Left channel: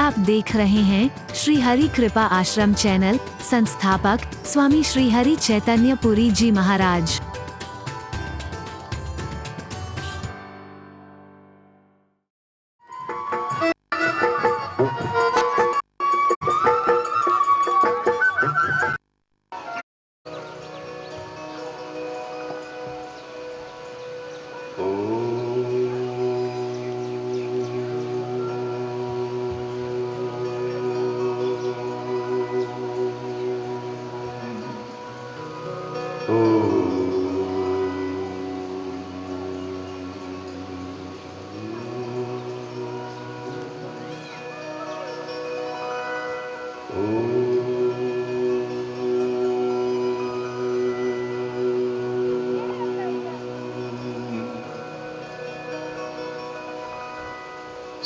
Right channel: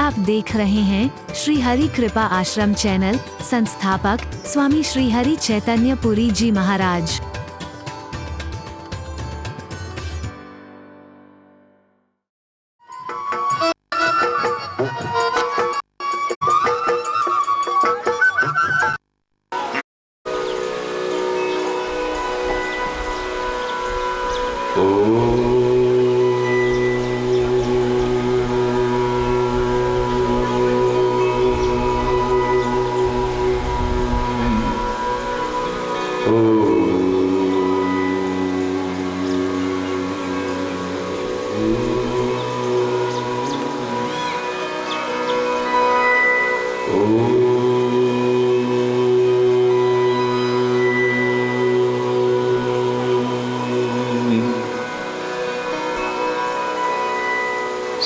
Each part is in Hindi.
आप देख रहे हैं श्री हरि कृपा आश्रम चैनल। संस्थापक स्वामी श्री हरि चैतन्य पुरी जी महाराज।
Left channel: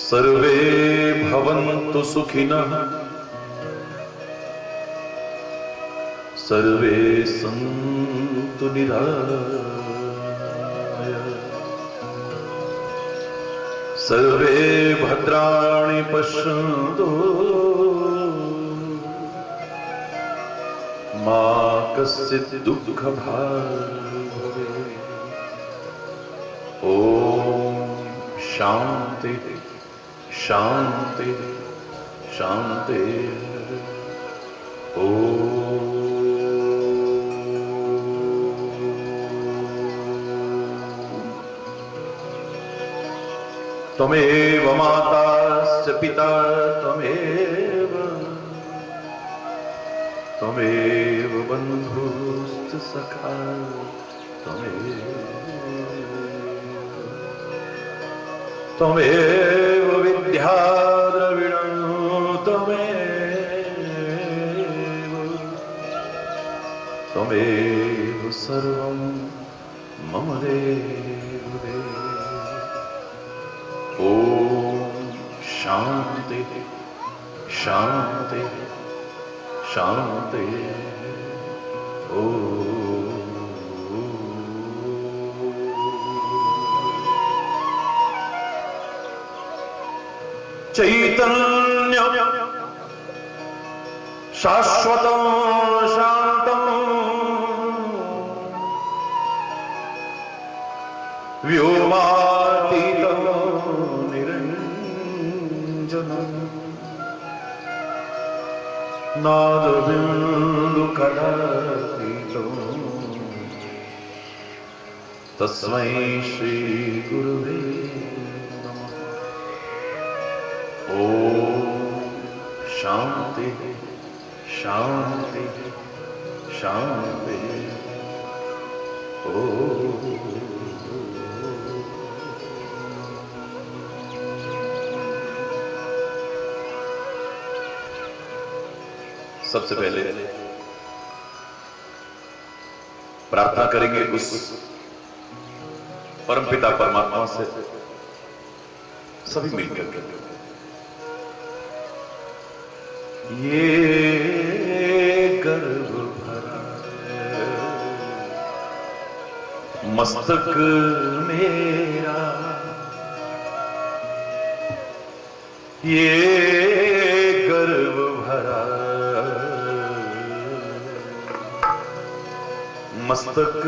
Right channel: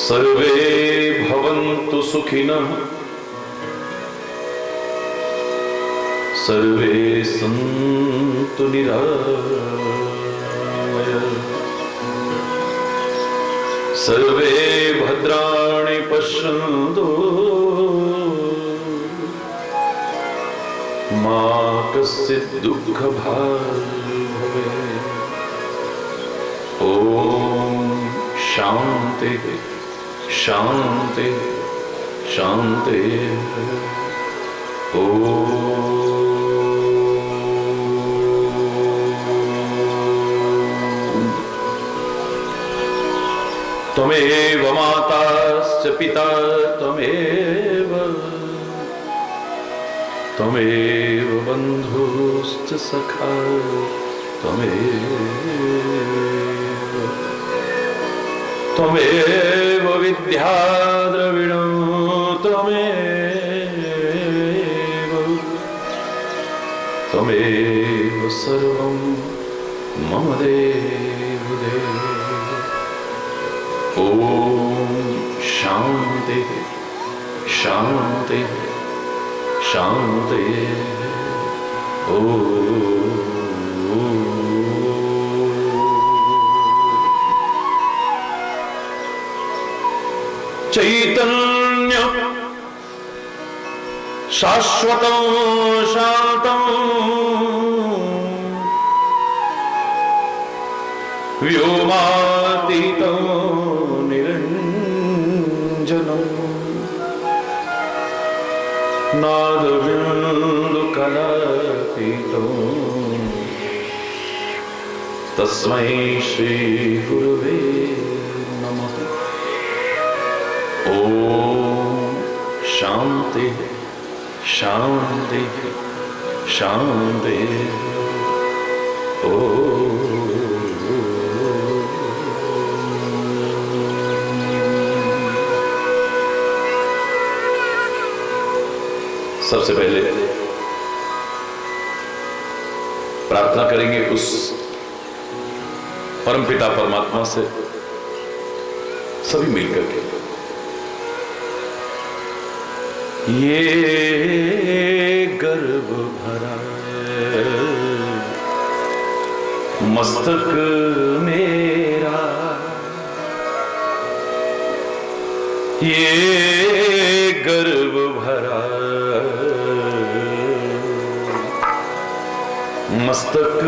सर्वे भवन्तु सुखिनः, सर्वे सन्तु निरामयाः, सर्वे भद्राणि पश्यन्तु मा कश्चित् दुःखभाग् भवेत्। ॐ शान्ति शांति शांति। त्वमेव माताश्च पिता त्वमेव, त्वमेव बन्धुश्च सखा त्वमेव विद्या द्रविणं त्वमेव सर्वं मम देव देव। ॐ शान्ति शान्ति शान्ति। ॐ चैतन्य शाश्वतं शान्तं व्योमातीतं निरञ्जनं नादबिन्दुकलातीतं तस्मै श्री गुरुवे नमः। ॐ शान्ति शान्ति शान्ति। ॐ सबसे पहले प्रार्थना करेंगे उस परमपिता परमात्मा से सभी मिलकर के। ये गर्व भरा मस्तक मेरा, ये गर्व भरा मस्तक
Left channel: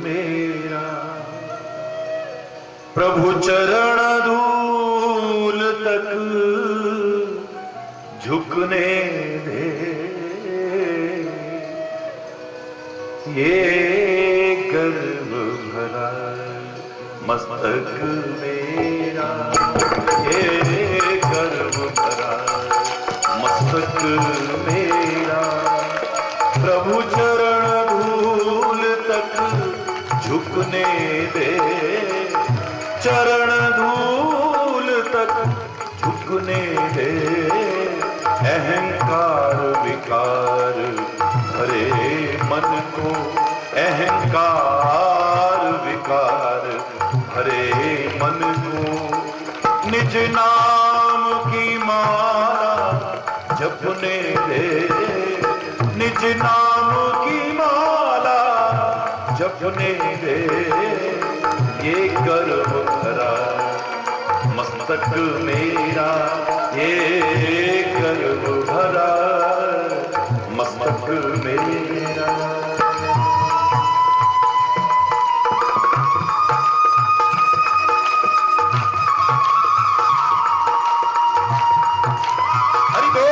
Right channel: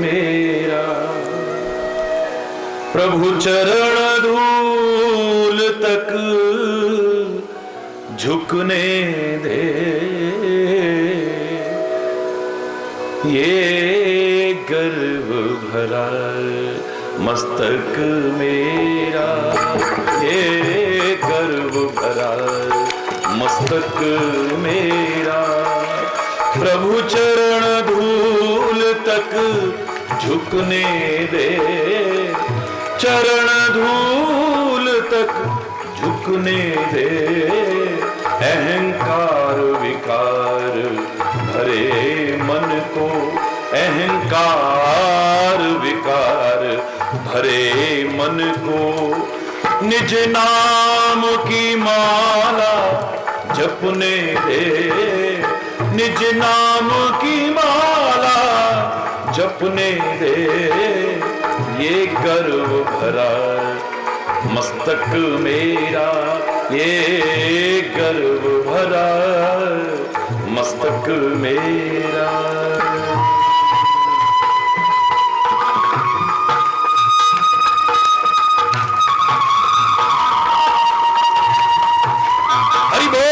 मेरा, प्रभु चरण धूल तक झुकने दे। ये गर्व भरा मस्तक मेरा, ये गर्व भरा मस्तक मेरा, प्रभु चरण धूल तक झुकने दे। चरण धूल तक झुकने दे। अहंकार विकार भरे मन को, अहंकार विकार भरे मन को, निज नाम की माला जपने दे। निज नाम की माला जपने दे। ये गर्व भरा मस्तक मेरा ये गर्व भरा मस्तक मेरा। हरि बोल।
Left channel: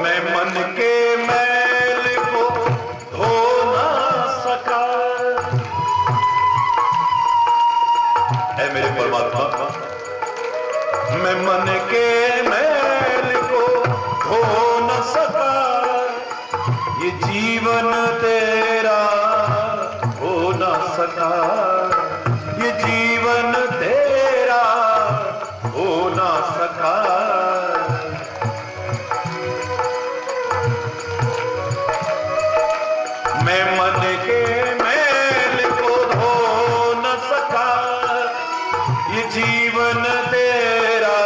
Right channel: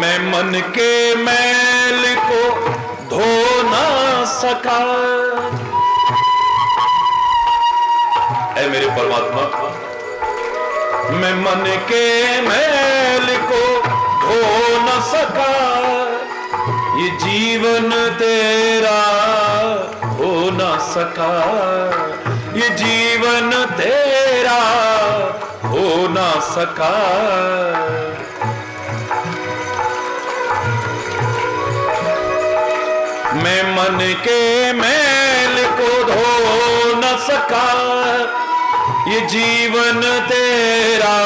मैं मन के मैल को धो ना सका, ऐ मेरे परमात्मा, मैं मन के मैल को धो न सका, ये जीवन तेरा हो न सका, ये जीवन तेरा हो न सका। मैं मन के मैल को धो न सका, ये जीवन तेरा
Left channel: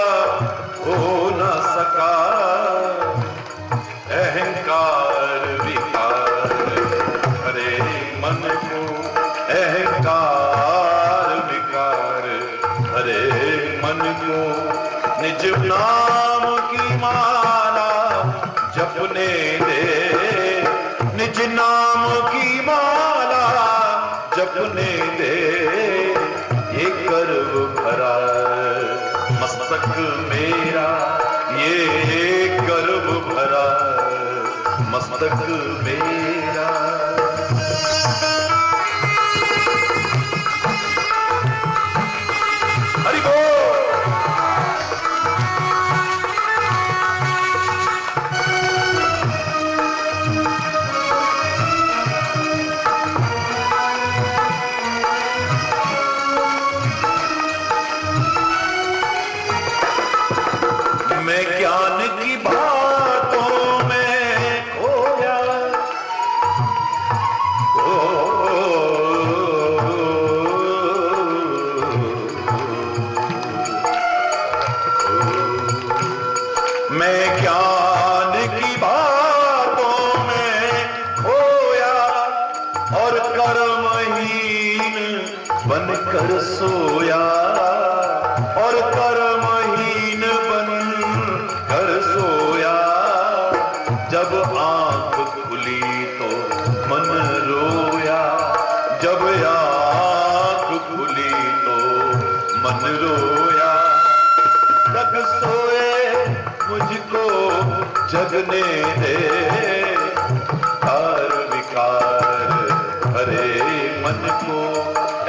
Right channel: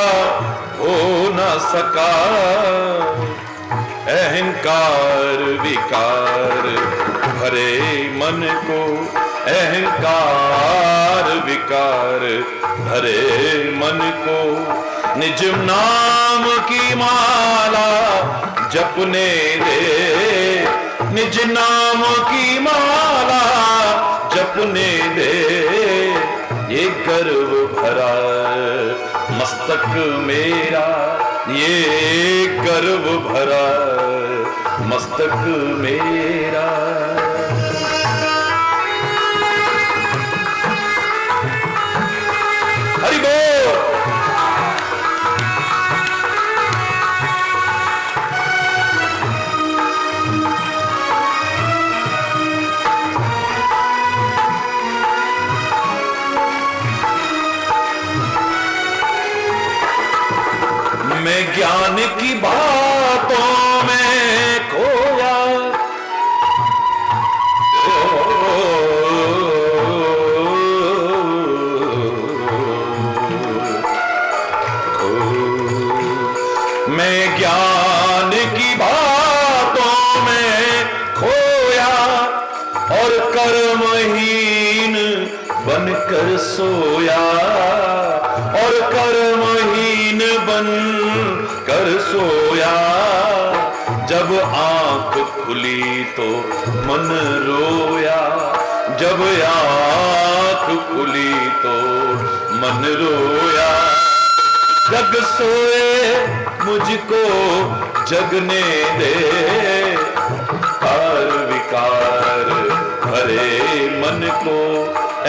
हो न सका। अहंकार विकार भरे मन को, अहंकार विकार भरे मन को, निज नाम की माला जपने दे, निज नाम की माला जपने दे। ये गर्व भरा मस्तक मेरा, ये गर्व भरा मस्तक मेरा। हरि बोल। मैं ज्ञान की बातों में खोया, मैं ज्ञान की बातों में खोया और कर्महीन बनकर सोया, और कर्महीन बन कर सोया। जब आंख खुली तो मन रोया, जब आंख खुली तो मन रोया। जग सोए मुझको जगने दे, कार विकार भरे मन को,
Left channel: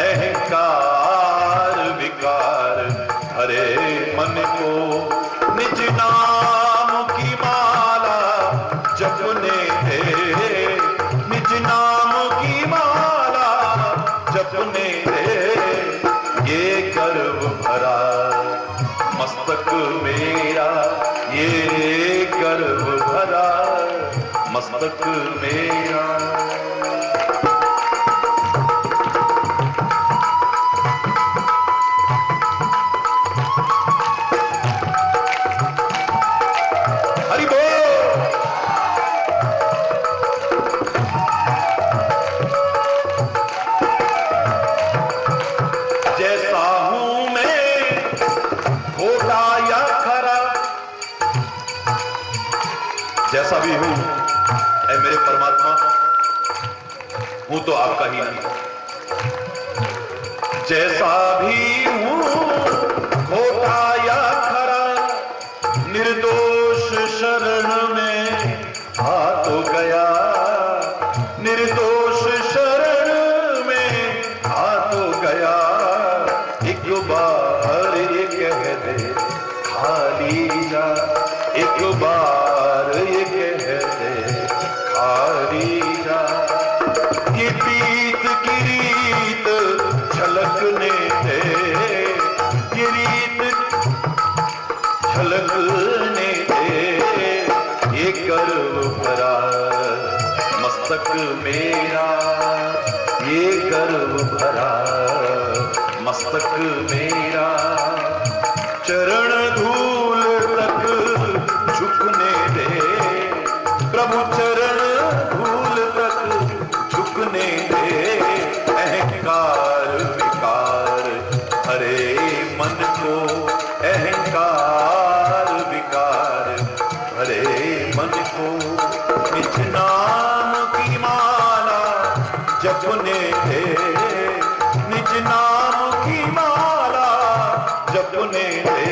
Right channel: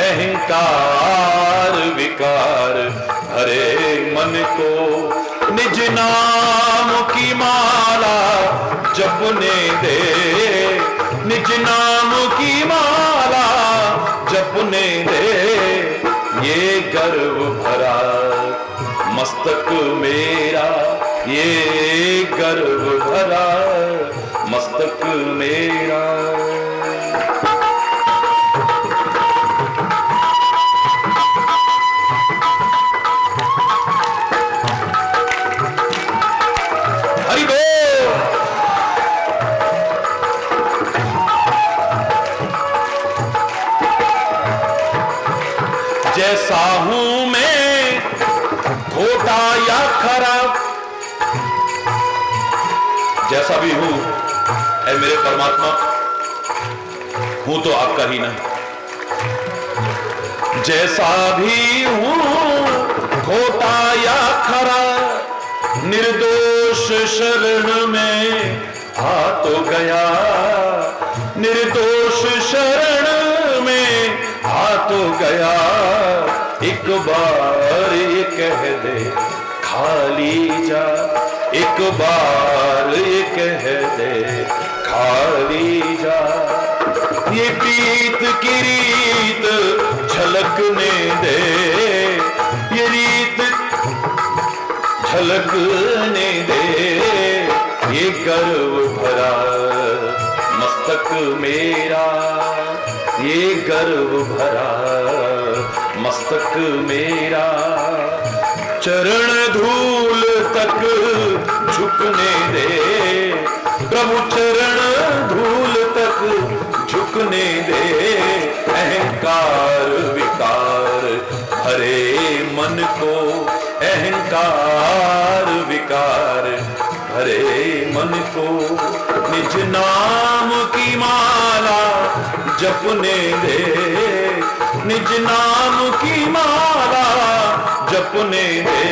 अहंकार विकार भरे मन को, निज नाम की माला जपने दे, निज नाम की माला जपने दे। ये गर्व भरा मस्तक मेरा, ये गर्व भरा मस्तक मेरा। हरि बोल। जैसा हूं मैं खोटा या खरा, जैसा भी हूं ऐ मेरे परमात्मा, हूं तो आपका ही ना। जैसा भी हूं खोटा या खरा, निर्दोष शरण में आ तो गया, निर्दोष शरण में आ तो गया। एक बार ये कह दे खाली जा, एक बार ये कह दे खाली जा। ये प्रीत की रीत झलकने दे, ये रीत झलकने दे। ये गर्व भरा मस्तक मेरा, ये गर्व भरा मस्तक मेरा। चरण धूल तक निज नाम की माला जपने दे, निज नाम की माला जपने दे।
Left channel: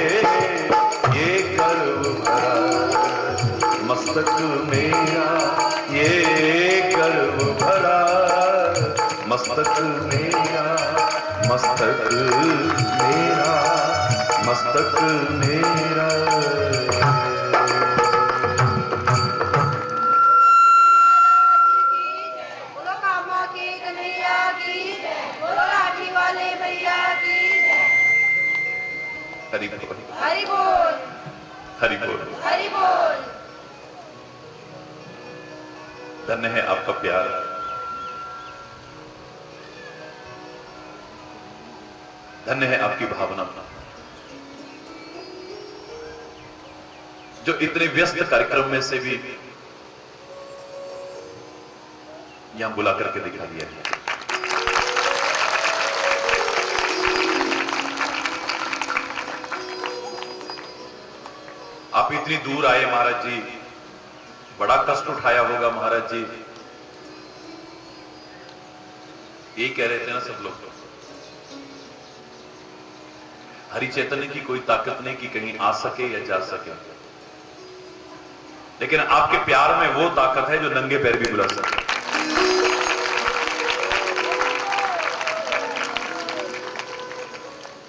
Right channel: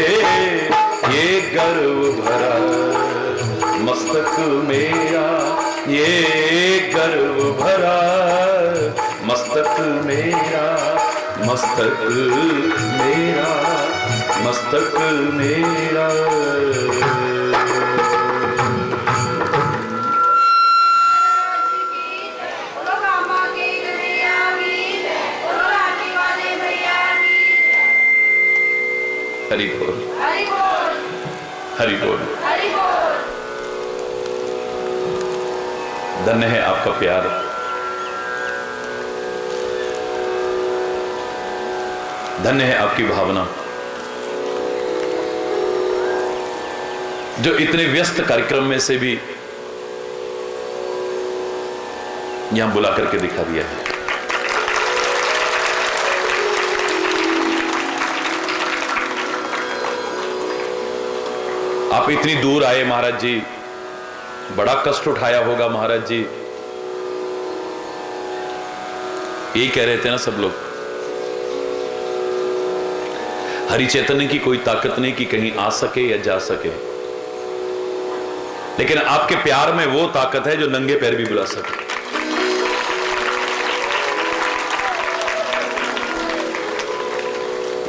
ये गर्व भरा मस्तक मेरा, ये गर्व भरा मस्तक मेरा, मस्तक मेरा, मस्तक मेरा। हरि बोल, हरि बोल, हरि बोल। हरि बोल। धन्य है आपका प्यार, धन्य है आपकी भावना, जो इतने व्यस्त कार्यक्रम में से भी यहां बुला करके दिखा दिया है। आप इतनी दूर आए महाराज जी, बड़ा कष्ट उठाया होगा महाराज जी। यही कह रहे थे ना सब लोग, हरि चैतन्य की कोई ताकत नहीं कि कहीं आ सके या जा सके, लेकिन आपके प्यार में वो ताकत है जो नंगे पैर भी बुला सके।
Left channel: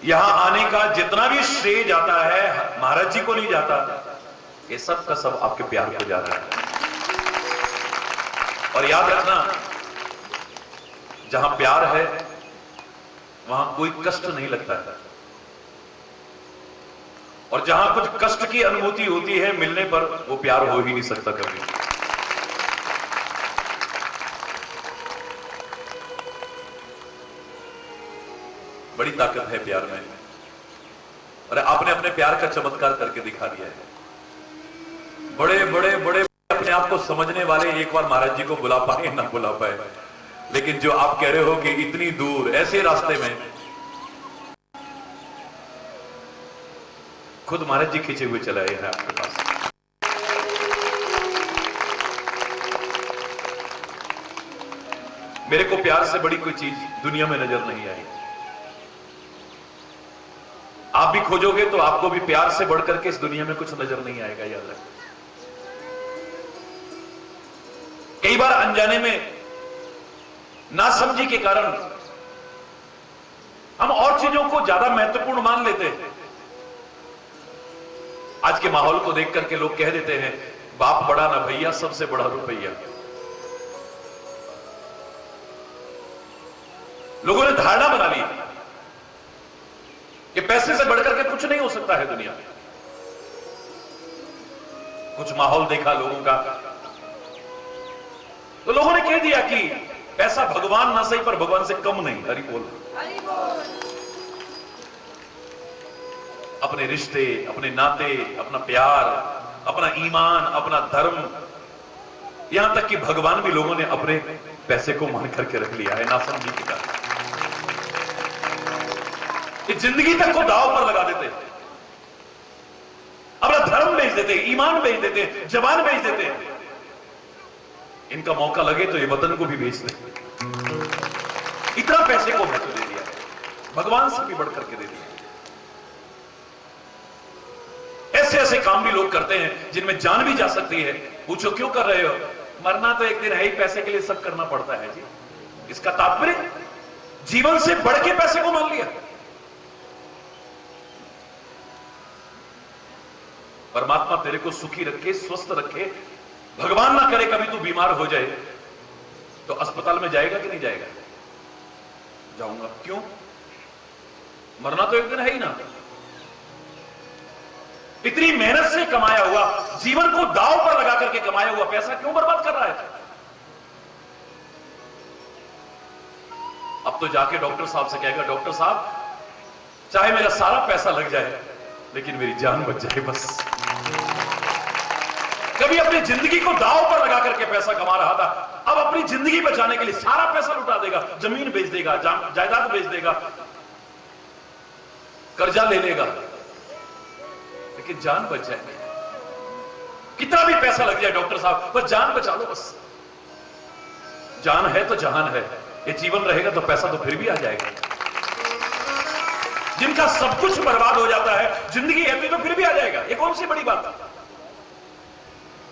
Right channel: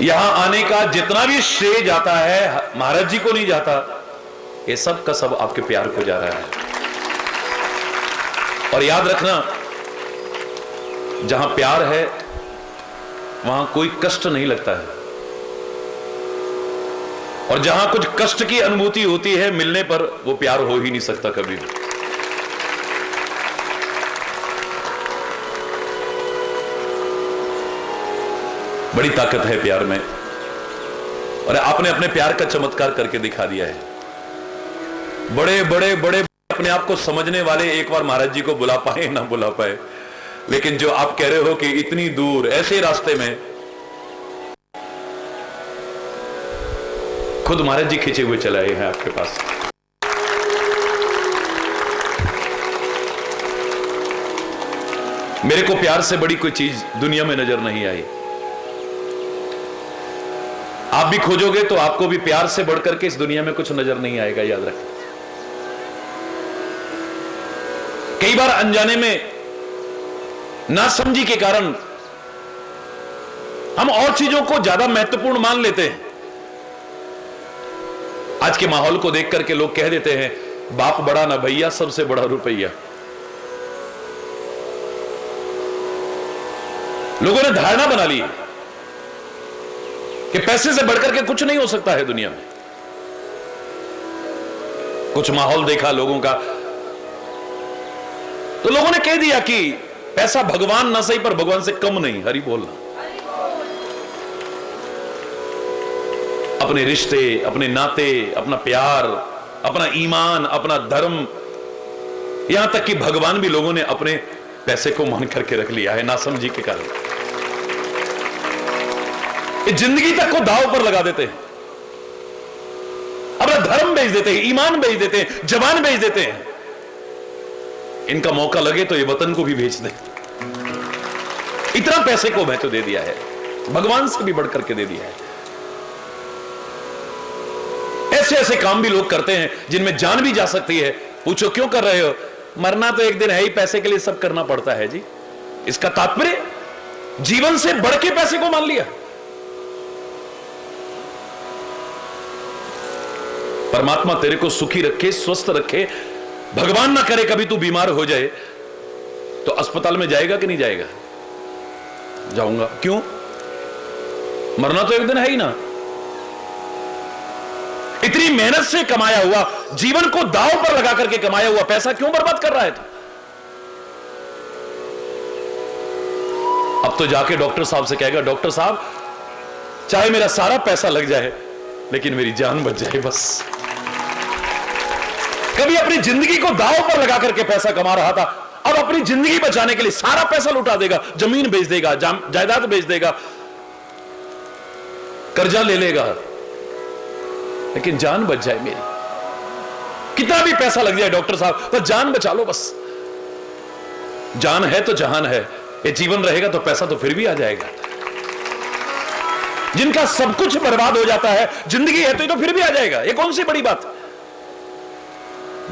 यहां आने का जितना भी श्रेय जाता है महाराज जी को नहीं जाता, ये सब का सब आपके प्यार को जा रहा है। और याद रखना, जहां प्यार है वहां कोई कष्ट नहीं लगता है, और जहां कुछ कष्ट की अनुभूति होती है मिलने पर, वो प्यार हो ही नहीं सकता कभी भी। बड़ी ताकत है प्यार में, और आपने अपने प्यार का चमत्कार करके दिखा दिया है। बड़े बड़े बड़े अपने आप को समझने वाले एक बार महाराज जी को बुला पाए ना बुला पाए, लेकिन जो आप कह रहे हो कि इतनी दूर ऐसे रास्ते में खुद महाराज जी खींचे हुए चलाए हैं आपके पास। मेरे को प्यार से बड़ी कोई चीज दुनिया में नजर नहीं आई। आप भी खोजोगे तो आपको भी प्यार से बढ़कर के इस दुनिया में कुछ नजर नहीं आएगा, याद रखें। कई बार अनजाने में, नासमझी के कारण हम और चीजों को ज्यादा महत्वपूर्ण मान लेते हैं। आज के माहौल को देख करके लोग कह देते हैं, बाप बड़ा ना भैया, सबसे बड़ा रुपया। लोगों ने धारणा बना ली कि पैसे से बढ़कर के कुछ नहीं हो सकता है दुनिया में। कुछ माहौल देखा लोगों का, तो लोगों ने कह दिया कि पैसा भगवान ना सही पर भगवान से कम नहीं। हरि बोलना। अपने रिश्ते, अपने नाते, अपना प्यार, अपना ईमान, अपना धर्म, यहां तक कि भगवान भी लोगों ने अपने पैसे को मान करके रख लिया है, नासमझी के कारण। जिंदगी तक को दाव पर लगा देते हैं, अपना धर्म बेच देते हैं, ईमान बेच देते हैं, जवान बेच देते हैं। इनका मौका लगे तो ये वतन को भी बेच दे। इतना पैसे को महत्व दे दिया है, भगवान से भी बढ़कर के दे दिया है। ऐसे ऐसे काम भी लोग करते हैं जिनमें जान भी जा सकती है। पूछो क्यों कर रहे हो? मरना तो एक दिन है ही, पैसे के लिए सब करना पड़ता है जी। इसका तात्पर्य जीवन से बढ़ के पैसे को मान लिया। परमात्मा तेरे को सुखी रखे, स्वस्थ रखे, भगवान ना करे कभी तू बीमार हो जाए तो अस्पताल में जाएगा कि नहीं जाएगा? जाऊंगा। क्यों? मरना तो एक दिन है ही ना। इतनी मेहनत से कमाया हुआ, जीवन को दांव पर लगा करके कमाया हुआ पैसा क्यों बर्बाद कर रहा है? अब तो जाके डॉक्टर साहब से कहेगा, डॉक्टर साहब चाहे मेरा सारा पैसा लग जाए लेकिन मेरी जान बच जाए बस। कभी अपनी जिंदगी को दांव पर लगा करके पैसा कमा रहा था, अब अपनी जिंदगी बचाने के लिए सारा पैसा लुटा देगा, जमीन बेच देगा, जायदाद बेच देगा, कर्जा ले लेगा, लेकिन जान बच जाए मेरी। कितना भी पैसा लग जाए डॉक्टर साहब, तो जान बचा लो बस। जान है तो जहान है, ये जीवन रहेगा तो पैसा तो फिर भी आ जाएगा। जिनका सब कुछ बर्बाद हो जाता है, जिंदगी है तो ये तो फिर भी आ जाएगा, ये कौन सी बड़ी बात।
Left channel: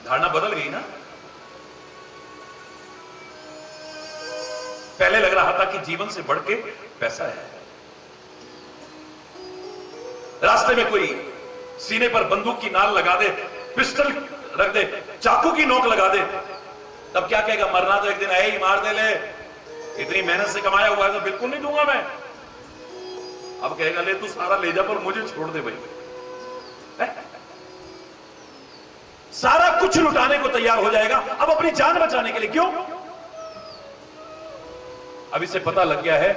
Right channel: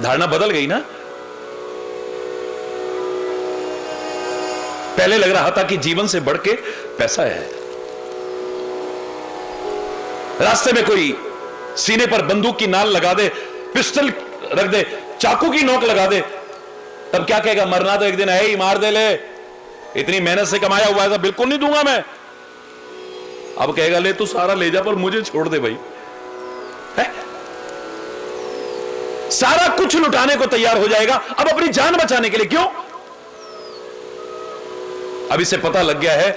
धारणा बदल गई ना। पहले लग रहा था कि जीवन से बढ़ के पैसा है। रास्ते में कोई सीने पर बंदूक की नाल लगा दे, पिस्टल रख दे, चाकू की नोक लगा दे, तब क्या कहेगा, मरना तो एक दिन है ही, मार दे ले, इतनी मेहनत से कमाया हुआ है, बिल्कुल नहीं दूंगा मैं। अब कहेगा ले तू सारा ले जा पर मुझे छोड़ दे भाई। है? सारा कुछ लुटाने को तैयार हो जाएगा अब अपनी जान बचाने के लिए। क्यों? अब इसे पता लग गया है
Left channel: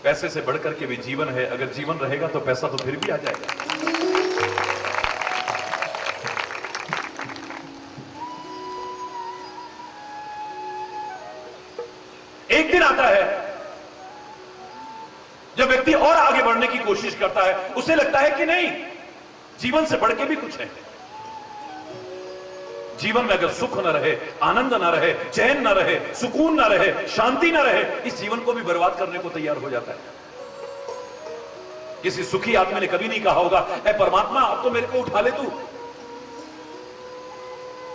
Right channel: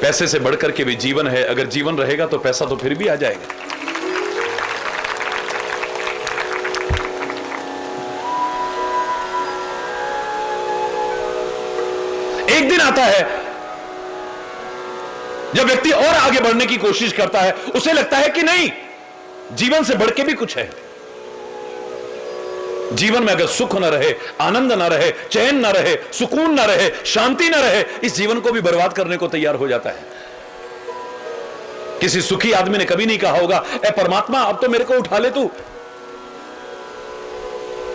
पैसे से बढ़कर के भी जीवन है। अगर जीवन रहेगा तो पैसा तो फिर भी आ जाएगा। एक दिन आता है जब व्यक्ति और आगे बढ़ने की कोशिश करता है, उसे लगता है कि नहीं, जीवन से बढ़ के भी कुछ है। जीवन में अगर सुख न रहे, आनंद न रहे, चैन न रहे, सुकून न रहे, शांति न रहे, इस जीवन को भी बर्बाद करने को तैयार हो जाता है। किसी सुखी आदमी ने कभी नहीं कहा होगा, ए परमात्मा अब तो मेरे को उठा ले तू।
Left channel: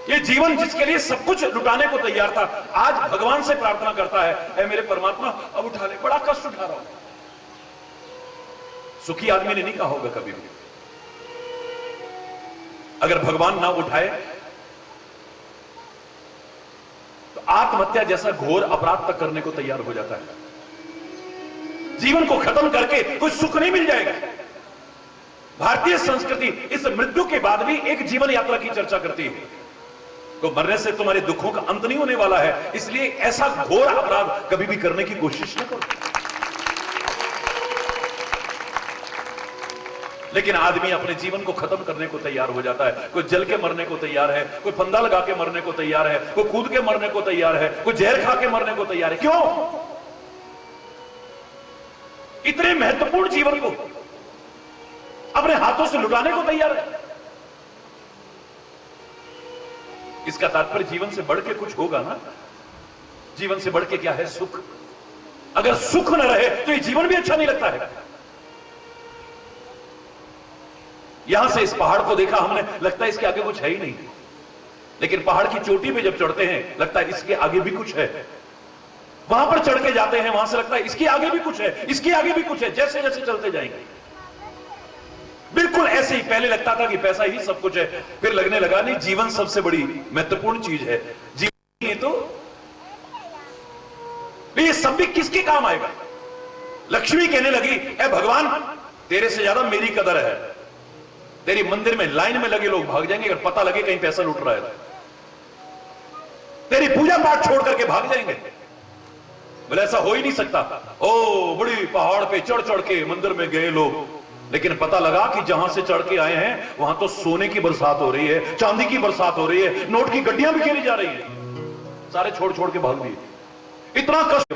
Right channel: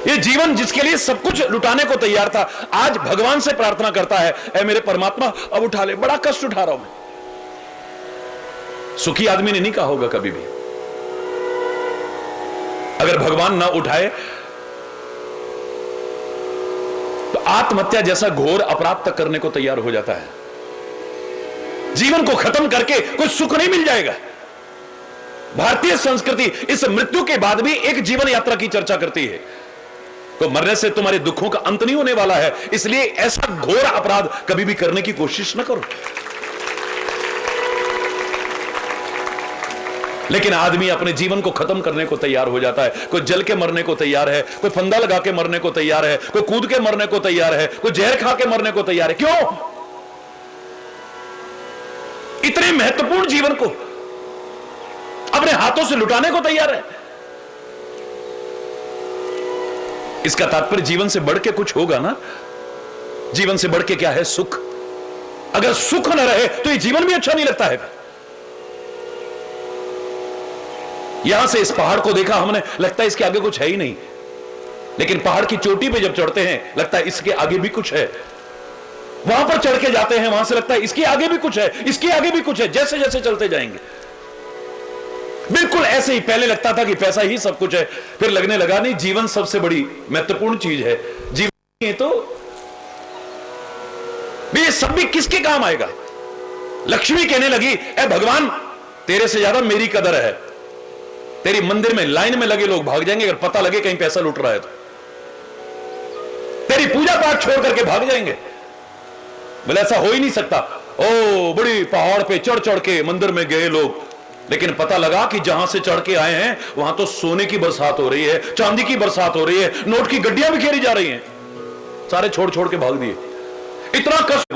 ये जीवन जिसके लिए सब कुछ लुटाने को तैयार था, आज भगवान से प्रार्थना करता है, ए मेरे परमात्मा अब उठा ले, बड़ा कष्ट उठा रहा हूं मैं। सुखी आदमी ने नहीं कहा होगा कभी भी। अगर भगवान ना उठाए तो आत्महत्या जैसा घोर अपराध तक करने को तैयार हो जाता है। जीवन को खत्म करके कोई सुख नहीं मिल जाएगा। भारतीय संस्कृति इस मृत्यु के बाद भी एक जीवन यात्रा की चर्चा करती है। तो मरने से तुम्हारे दुखों का अंत नहीं होने वाला है, इसलिए ऐसा घोर अपराध कभी भी करने की कोशिश न करो। लेकिन आदमी अपने जीवन को खत्म करने को तैयार हो जाता है। कोई जल के मरने को तैयार है, कोई फंदा लगा के मरने को तैयार है, कोई कूद के मरने को तैयार है, कोई जहर खा के मरने को तैयार है। क्यों? इतने महत्वपूर्ण जीवन को अपने हाथों से लुटाने को तैयार है। इसका तात्पर्य जीवन से बढ़ के कुछ होगा ना। जीवन से बढ़ के क्या है? सुख। अगर सुख न रहे तो ये जीवन भी अच्छा नहीं लगता है। यहां से इस पहाड़ को देखा हमने, लगता है इसके आगे कुछ है ही नहीं। लेकिन पहाड़ की चोटी पे जब चढ़ते हैं लगता है इसके आगे भी कुछ है। वहां पर चढ़ के जाते हैं, वहां से लगता है इसके आगे भी कुछ है, इसके आगे भी कुछ है। जैसे जैसे चलते जाएंगे बिल्कुल ऐसे ही। पहले लगता था कि पैसा ही सब कुछ है, फिर लगने लगा नहीं, जीवन सबसे बड़ी महत्वपूर्ण चीज है। जीवन तो ये सब भी किसके काम आएगा? लक्ष्मी कहने लगी, ए भगवान तेरे से ज्यादा मेरी कदर है। तेरी मंदिर में लाइन में लगे लोग भाग जाएंगे अगर पता लगे कहीं पैसा लुट रहा है तो। तेरी पूजा पाठ छोड़ करके भाग जाएंगे। बोले ऐसा हो ही नहीं सकता। ओ बड़ी पहाड़ पे चढ़ चढ़ के मंदिर में गए लोग, लेकिन पता लगा कि जहां से चढ़ के आए हैं वहां तो सोने की बरसात हो रही है, चांदी की बरसात हो रही है, नोट की गड्डियां बिखेरी जा रही हैं। सारे छोड़ छोड़ के भाग दिए। इतना कष्ट,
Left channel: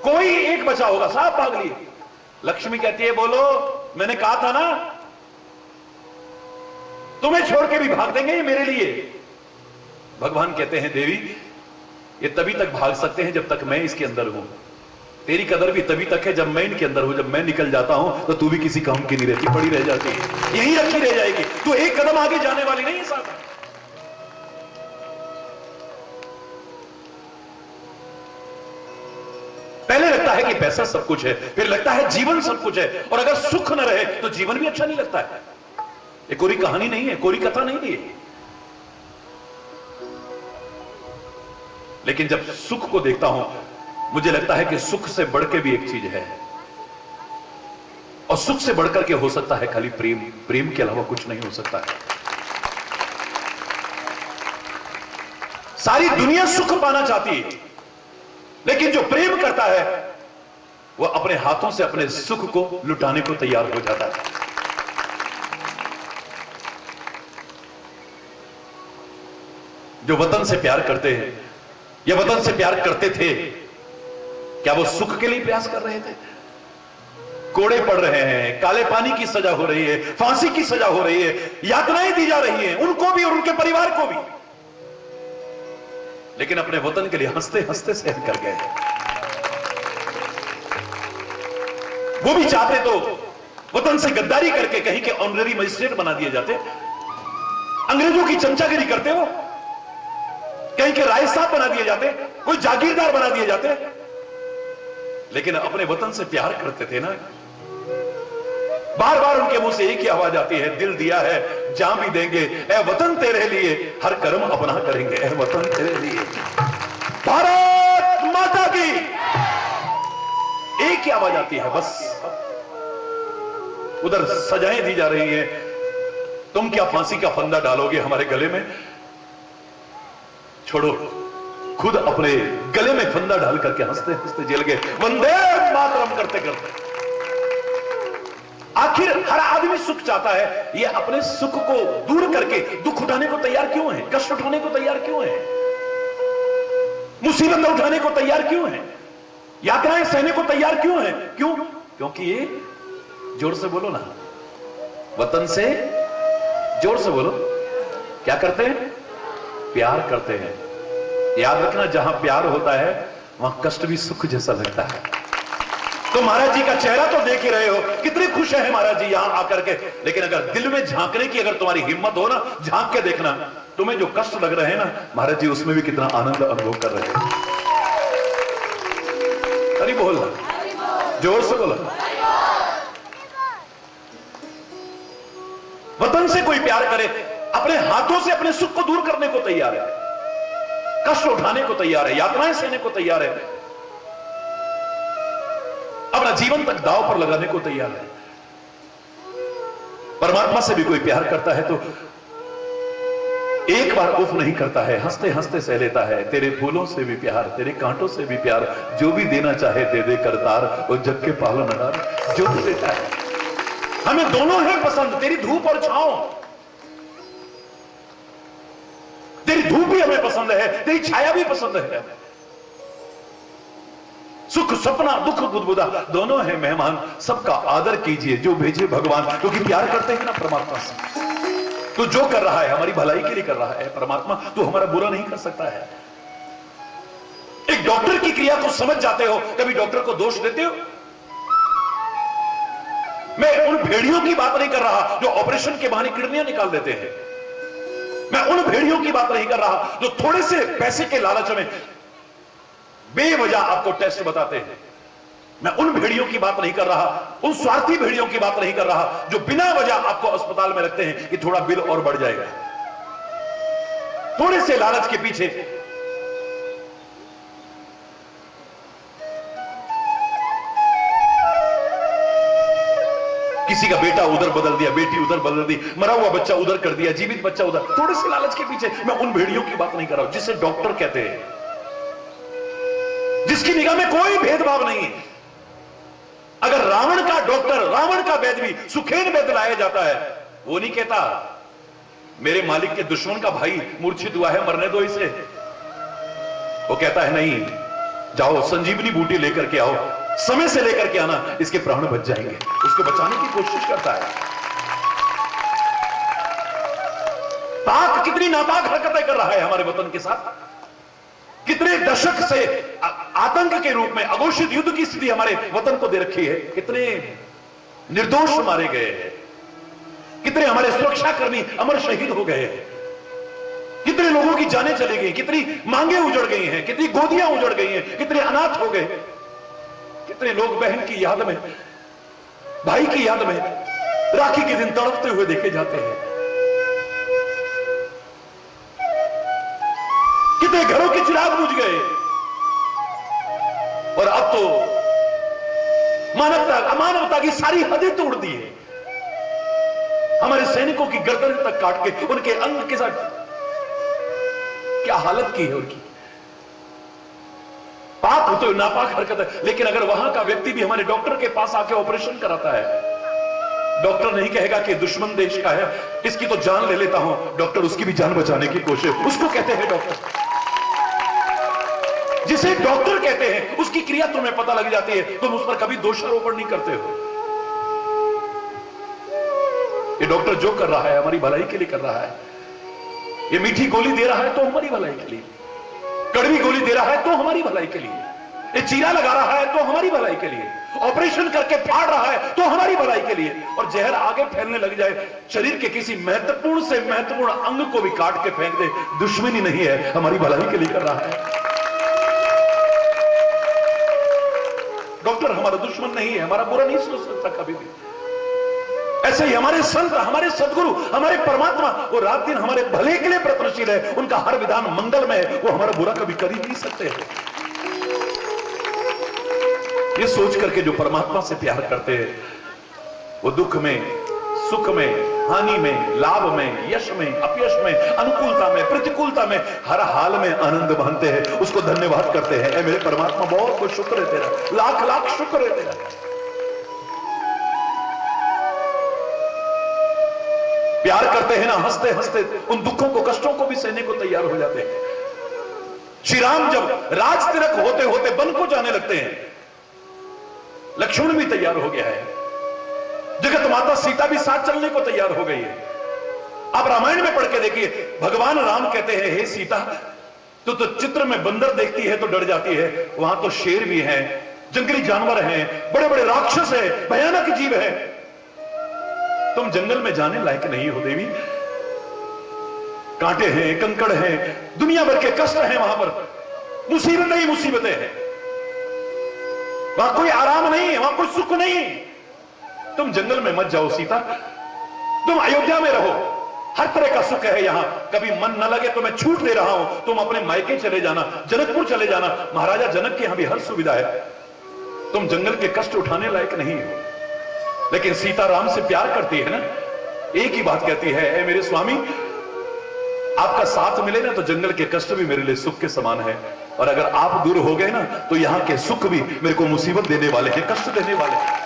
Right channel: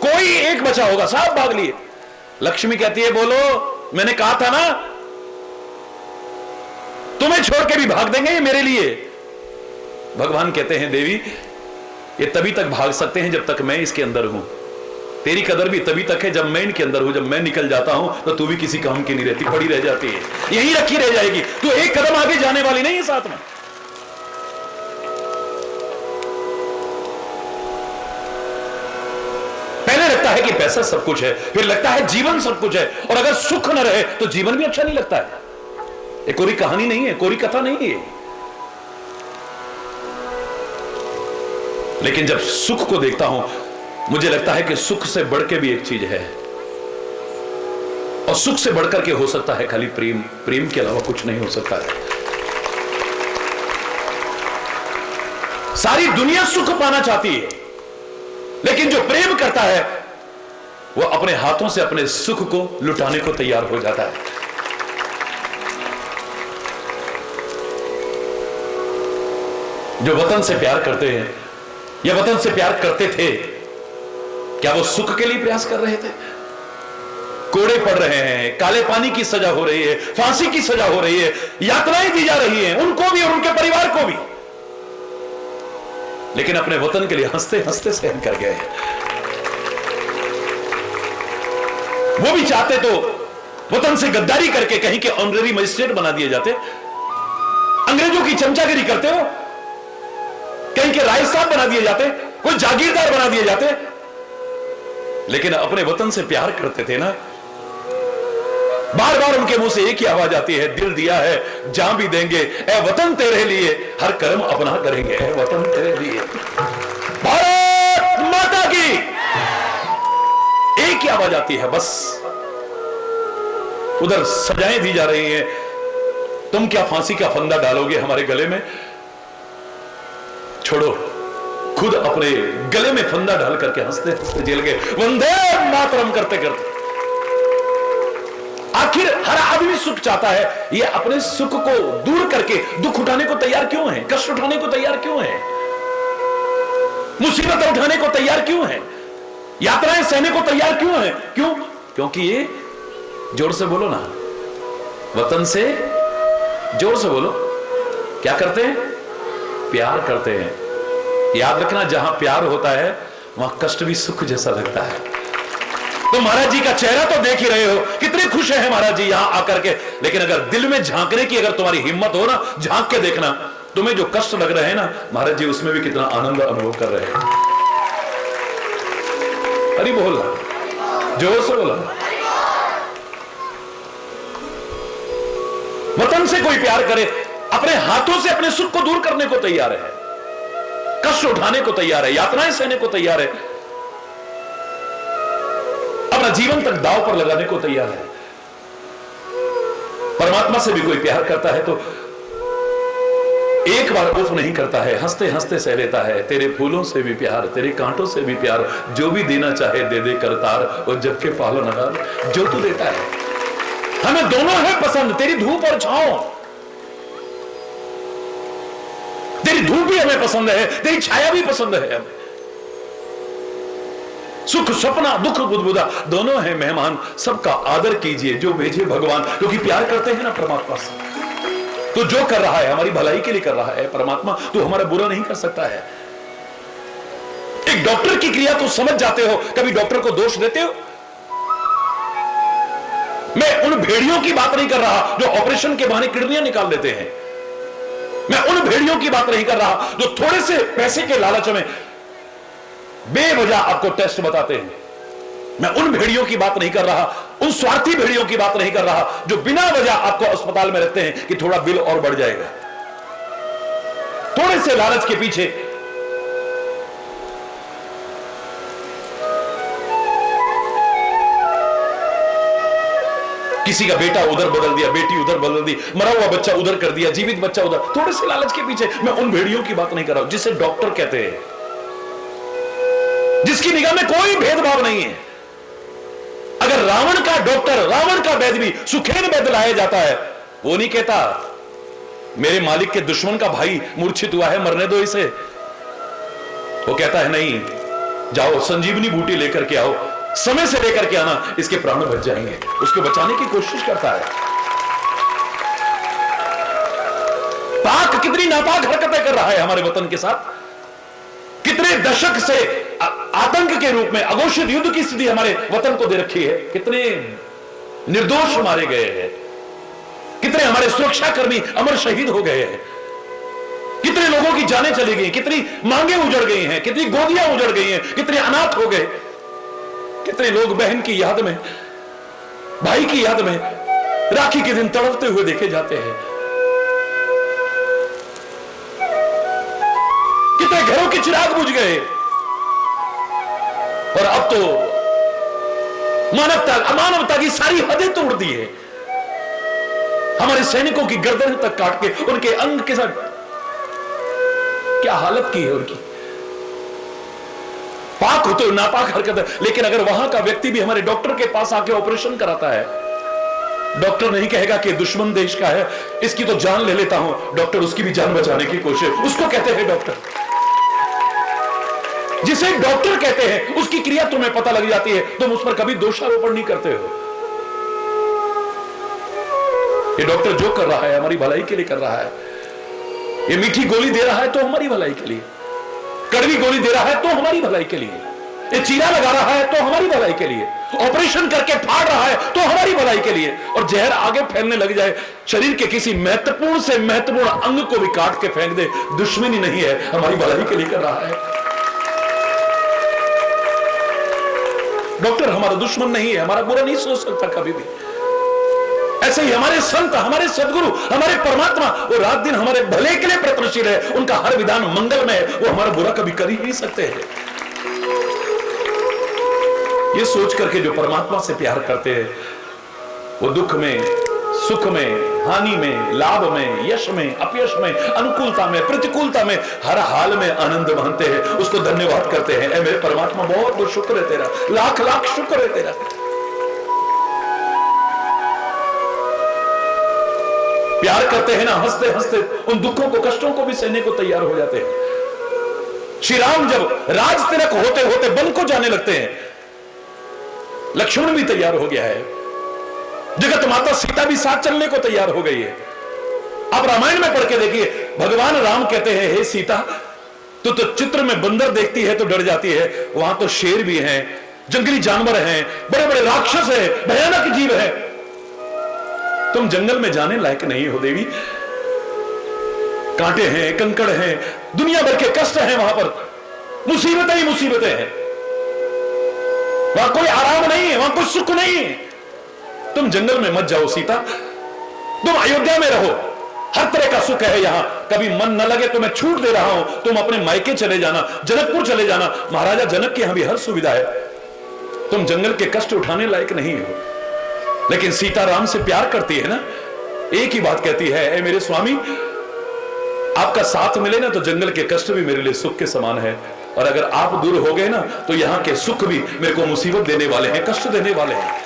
कोई एक बचा होगा, सब भाग लिए। लक्ष्मी कहती है, बोलो मैंने कहा था ना तुम्हें छोड़ के भी भाग देंगे ये मेरे लिए। भगवान कहते हैं, देवी ये तभी तक भाग सकते हैं जब तक मैं इसके अंदर हूं। तेरी कदर भी तभी तक है जब मैं इनके अंदर हूं। जब मैं निकल जाता हूं तो तू भी किसी काम की नहीं रहती, पड़ी रह जाती है, यही रखी रह जाएगी। तू एक कदम आगे जाने वाली नहीं है साथ में। पहले लगता है कि पैसा सब कुछ है, फिर लगता है जीवन सब कुछ है, और अगर सुख न रहे तो जीवन भी अच्छा नहीं लगता है। ये कोई कहानी नहीं है, कोई कथा नहीं है। लेकिन जब सुख को देखता हूं मुझे लगता है कि सुख से बढ़ के भी एक चीज है, और सुख से बढ़कर के हो सकता है खाली प्रेम। प्रेम के अलावा कुछ नहीं हो सकता है। सारी दुनिया सुख पाना चाहती है, लेकिन जो प्रेम करता है वो अपने हाथों से अपने सुख को लुटाने को तैयार हो जाता है। जो वतन से प्यार करते हैं या वतन से प्यार करते थे, क्या वो सुख के लिए प्रयास कर रहे थे? कोड़े पड़ रहे हैं, काले पानी की सजा हो रही है, फांसी की सजा हो रही है, यातनाएं दी जा रही हैं उनको भी और उनके परिवार को भी, लेकिन अपने वतन के लिए हंसते हंसते सहन कर गए। वो भी चाहते तो वतन से गद्दारी करके कहीं के ऑनरेरी मजिस्ट्रेट बना दिए जाते, अंग्रेजों की चमचागिरी करते हो, कहीं के राय साहब बना दिए जाते, कोई जागीरदार बना दिए जाते, लेकिन अपने वतन से प्यार करते थे ना। बार बार उनके मुंह से एक ही आवाज आती है, दिल दिया है जान भी देंगे, ए वतन तेरे लिए हर कर्म अपना करेंगे, ए वतन तेरे लिए। भारत माता की एक ही आवाज आती है बस। उधर सजाएं दी जा रही हैं, तुम क्या फांसी का फंदा डालोगे हमारे गले में? छोड़ो, खुद अपने गले में फंदा डाल करके हंसते हंसते जेल गए, वंदे मातरम करते करते। आखिर हर आदमी सुख चाहता है, ये अपने सुख को दूर करके दुख उठाने को तैयार क्यों है? कष्ट उठाने को तैयार क्यों है? मुसीबतें उठाने को तैयार क्यों है? यात्राएं सहने को तैयार क्यों है? क्यों? क्योंकि ये, जोर से बोलो ना, वतन से जोर से बोलो, क्या करते हैं? प्यार करते हैं। याद रखना, जहां प्यार होता है वहां कष्ट भी सुख जैसा लगता है। तो महाराज जी का चेहरा तो देख ही रहे हो, कितने खुश हैं महाराज जी यहां आकर के, लेकिन अगर दिल में झांकने की अगर तुम्हारी हिम्मत हो ना, झांक के देखना, तुम्हें जो कष्ट लग रहे हैं ना महाराज जी, उसमें भी कितना आनंद अनुभव कर रहे हैं। अरे बोल, जोर से बोला। वतन से कोई प्यार करे, अपने हाथों से अपने सुख को दूर करने को तैयार है, कष्ट उठाने को तैयार है, यातनाएं सहने को तैयार है, अपना जीवन तक दांव पर लगाने को तैयार है। परमात्मा से भी कोई प्यार करता है तो एक बार उफ नहीं करता है, हंसते हंसते सह लेता है। तेरे फूलों से भी प्यार, तेरे कांटों से भी प्यार, जो भी देना चाहे दे दे करतार, और जग के पालनहार जो तू देता है। हमें दोनों है पसंद, तेरी धूप और छांव। तेरी धूप भी हमें पसंद है, तेरी छाया भी पसंद है हमें। सुख सपना दुख बुदबुदा दोनों है मेहमान, सबका आदर कीजिए जो भेजे भगवान। क्योंकि प्यार करते हैं ना परमात्मा से, तो जो कर रहा है हमारी भलाई के लिए कर रहा है परमात्मा, तो हमारा बुरा नहीं कर सकता है। एक डॉक्टर की क्रिया तो समझ जाते हो, कभी डॉक्टर को दोष देते हो? मैं उन भेड़ियों की बात नहीं कर रहा जो ऑपरेशन के बहाने किडनियां निकाल देते हैं। मैं उन भेड़ियों की बात नहीं कर रहा जो थोड़े से पैसे के लालच में बेवजह आपको टेस्ट बताते हैं। मैं उन भेड़ियों की बात नहीं कर रहा, उन स्वार्थी भेड़ियों की बात नहीं कर रहा जो बिना वजह आपको अस्पताल में रखते हैं कि थोड़ा बिल और बढ़ जाएगा, थोड़े से लालच के पीछे। किसी का बेटा उधर बदल दिया, बेटी उधर बदल दी, मरा हुआ बच्चा उधर कर दिया, जीवित बच्चा उधर, थोड़े से लालच के पीछे। मैं उन भेड़ियों की बात नहीं कर रहा हूं जिसे डॉक्टर कहते हैं, जिसकी निगाह में कोई भेदभाव नहीं है। अगर रावण का डॉक्टर, रावण का वैद्य भी सुखेद वैद्य लाया जाता है, वो नहीं कहता मेरे मालिक के दुश्मन का भाई मूर्छित हुआ है, मरने दो इसे। वो कहता है नहीं, जाओ संजीवनी बूटी लेकर के आओ, समय से लेकर के आना, इसके प्राण बच जाएंगे। उसको बचाने की कोशिश करता है। पाक कितनी नापाक हरकतें कर रहा है हमारे वतन के साथ, कितने दशक से आतंक के रूप में अघोषित युद्ध की स्थिति हमारे वतन को दे रखी है। कितने निर्दोष मारे गए हैं, कितने हमारे सुरक्षाकर्मी अमर शहीद हो गए हैं, कितने लोगों की जानें चली गई, कितनी मांगे उजड़ गई हैं, कितनी गोदियां उजड़ गई हैं, कितने अनाथ हो गए, कितने लोग बहन की याद में, भाई की याद में राखी के दिन तड़पते हुए देखे जाते हैं। कितने घरों के चिराग बुझ गए। और अब तो मानवता अमानवता की सारी हदें तोड़ दी है। हमारे सैनिकों की गर्दन तक काट के उनके अंग के साथ क्या हालत की है उनकी। पाक हो तो नापाक हरकत है, लेकिन अगर वहां का व्यक्ति भी हमारे डॉक्टर के पास आके ऑपरेशन कराता है, डॉक्टर नहीं कहेगा कि दुश्मन देश का है, इसकी तो जान ले लेता हूं, डॉक्टर उसकी भी जान बचाने की कोशिश, उसको कहते हैं डॉक्टर। जिसे डॉक्टर कहते हैं उसकी क्रिया तुम्हें पता लग जाती है, तुम उस पर कभी दोषारोपण नहीं करते हो। ये डॉक्टर जो कर रहा है हमारी भलाई के लिए कर रहा है। ये मीठी गोली दे रहा है तो हमारी भलाई के लिए, कड़वी गोली दे रहा है तो हमारी भलाई के लिए, ये चीरा लगा रहा है तो हमारी भलाई के लिए, ऑपरेशन करके फाड़ रहा है तो हमारी भलाई के लिए, और जहर आगे फैलने लग जाए, शरीर के किसी महत्वपूर्ण से महत्वपूर्ण अंग को भी काट के फेंक दे, दुश्मनी नहीं है, हमारी भलाई के लिए कर रहा है। डॉक्टर हमारा दुश्मन नहीं है, हमारा बुरा नहीं सोच सकता कभी भी। ऐसे ही हमारे संत, हमारे सदगुरु, हमारे परमात्मा, वो रात दिन हमारे भले के लिए प्रयत्नशील है, उनका हर विधान मंगल में है, वो हमारा बुरा कभी कर ही नहीं सकते हैं। ये सोच करके जो परमात्मा से प्यार करते हैं, वो दुख में, सुख में, हानि में, लाभ में, यश में, अपयश में, अनुकूलता में, प्रतिकूलता में, हर हाल में आनंद मानते हैं, उसको धन्यवाद करते हैं। मेरे परमात्मा बहुत बहुत शुक्र है तेरा, लाख लाख शुक्र है तेरा। प्यार करते हैं ना, हंसते हंसते उन दुखों को, कष्टों को भी सहने को तैयार हो जाते हैं। श्री राम जब राज तिलक होते होते वन को जाने लगते हैं, लक्ष्मण भी तैयार हो गया है, जगत माता सीता भी साथ चलने को तैयार हो गई है। आप रामायण में पढ़ के देखिए, भगवान राम कहते हैं, हे सीता, तो चित्र में बंदर देखती है तो डर जाती है, वहां तो शेर भी है, जंगली जानवर हैं, बड़े बड़े राक्षस है, भयानक जीव है, तुम जंगल में जाने लायक नहीं हो देवी। कांटे हैं, कंकड़ हैं, दुनिया भर के कष्ट हैं, वहां पर मुसीबतें ही मुसीबतें हैं, वहां कोई आराम नहीं है, वहां कोई सुख नहीं है। तुम जंगल में मत जाओ सीता, तुम अयोध्या में रहो, हर तरह का सुख है यहां। कभी मन न लगे तो मैं छूट दे रहा हूं, तुम अपने मायके चले जाना, जनकपुर चले जाना, महाराजा जनक के यहां भी हर सुविधा है, तुम जंगल के कष्ट उठाने लायक नहीं हो। लेकिन सीता राम से प्यार करती है ना, एक ही बात कहती है, ए मेरे स्वामी, आपका साथ मिले ना तो जंगल के कष्ट भी मेरे लिए सुख के समान है, और अगर आप दूर हो गए ना तो यहाँ के सुख भी मेरे को मुसीबत देने वाले हैं, कष्ट देने वाले हैं।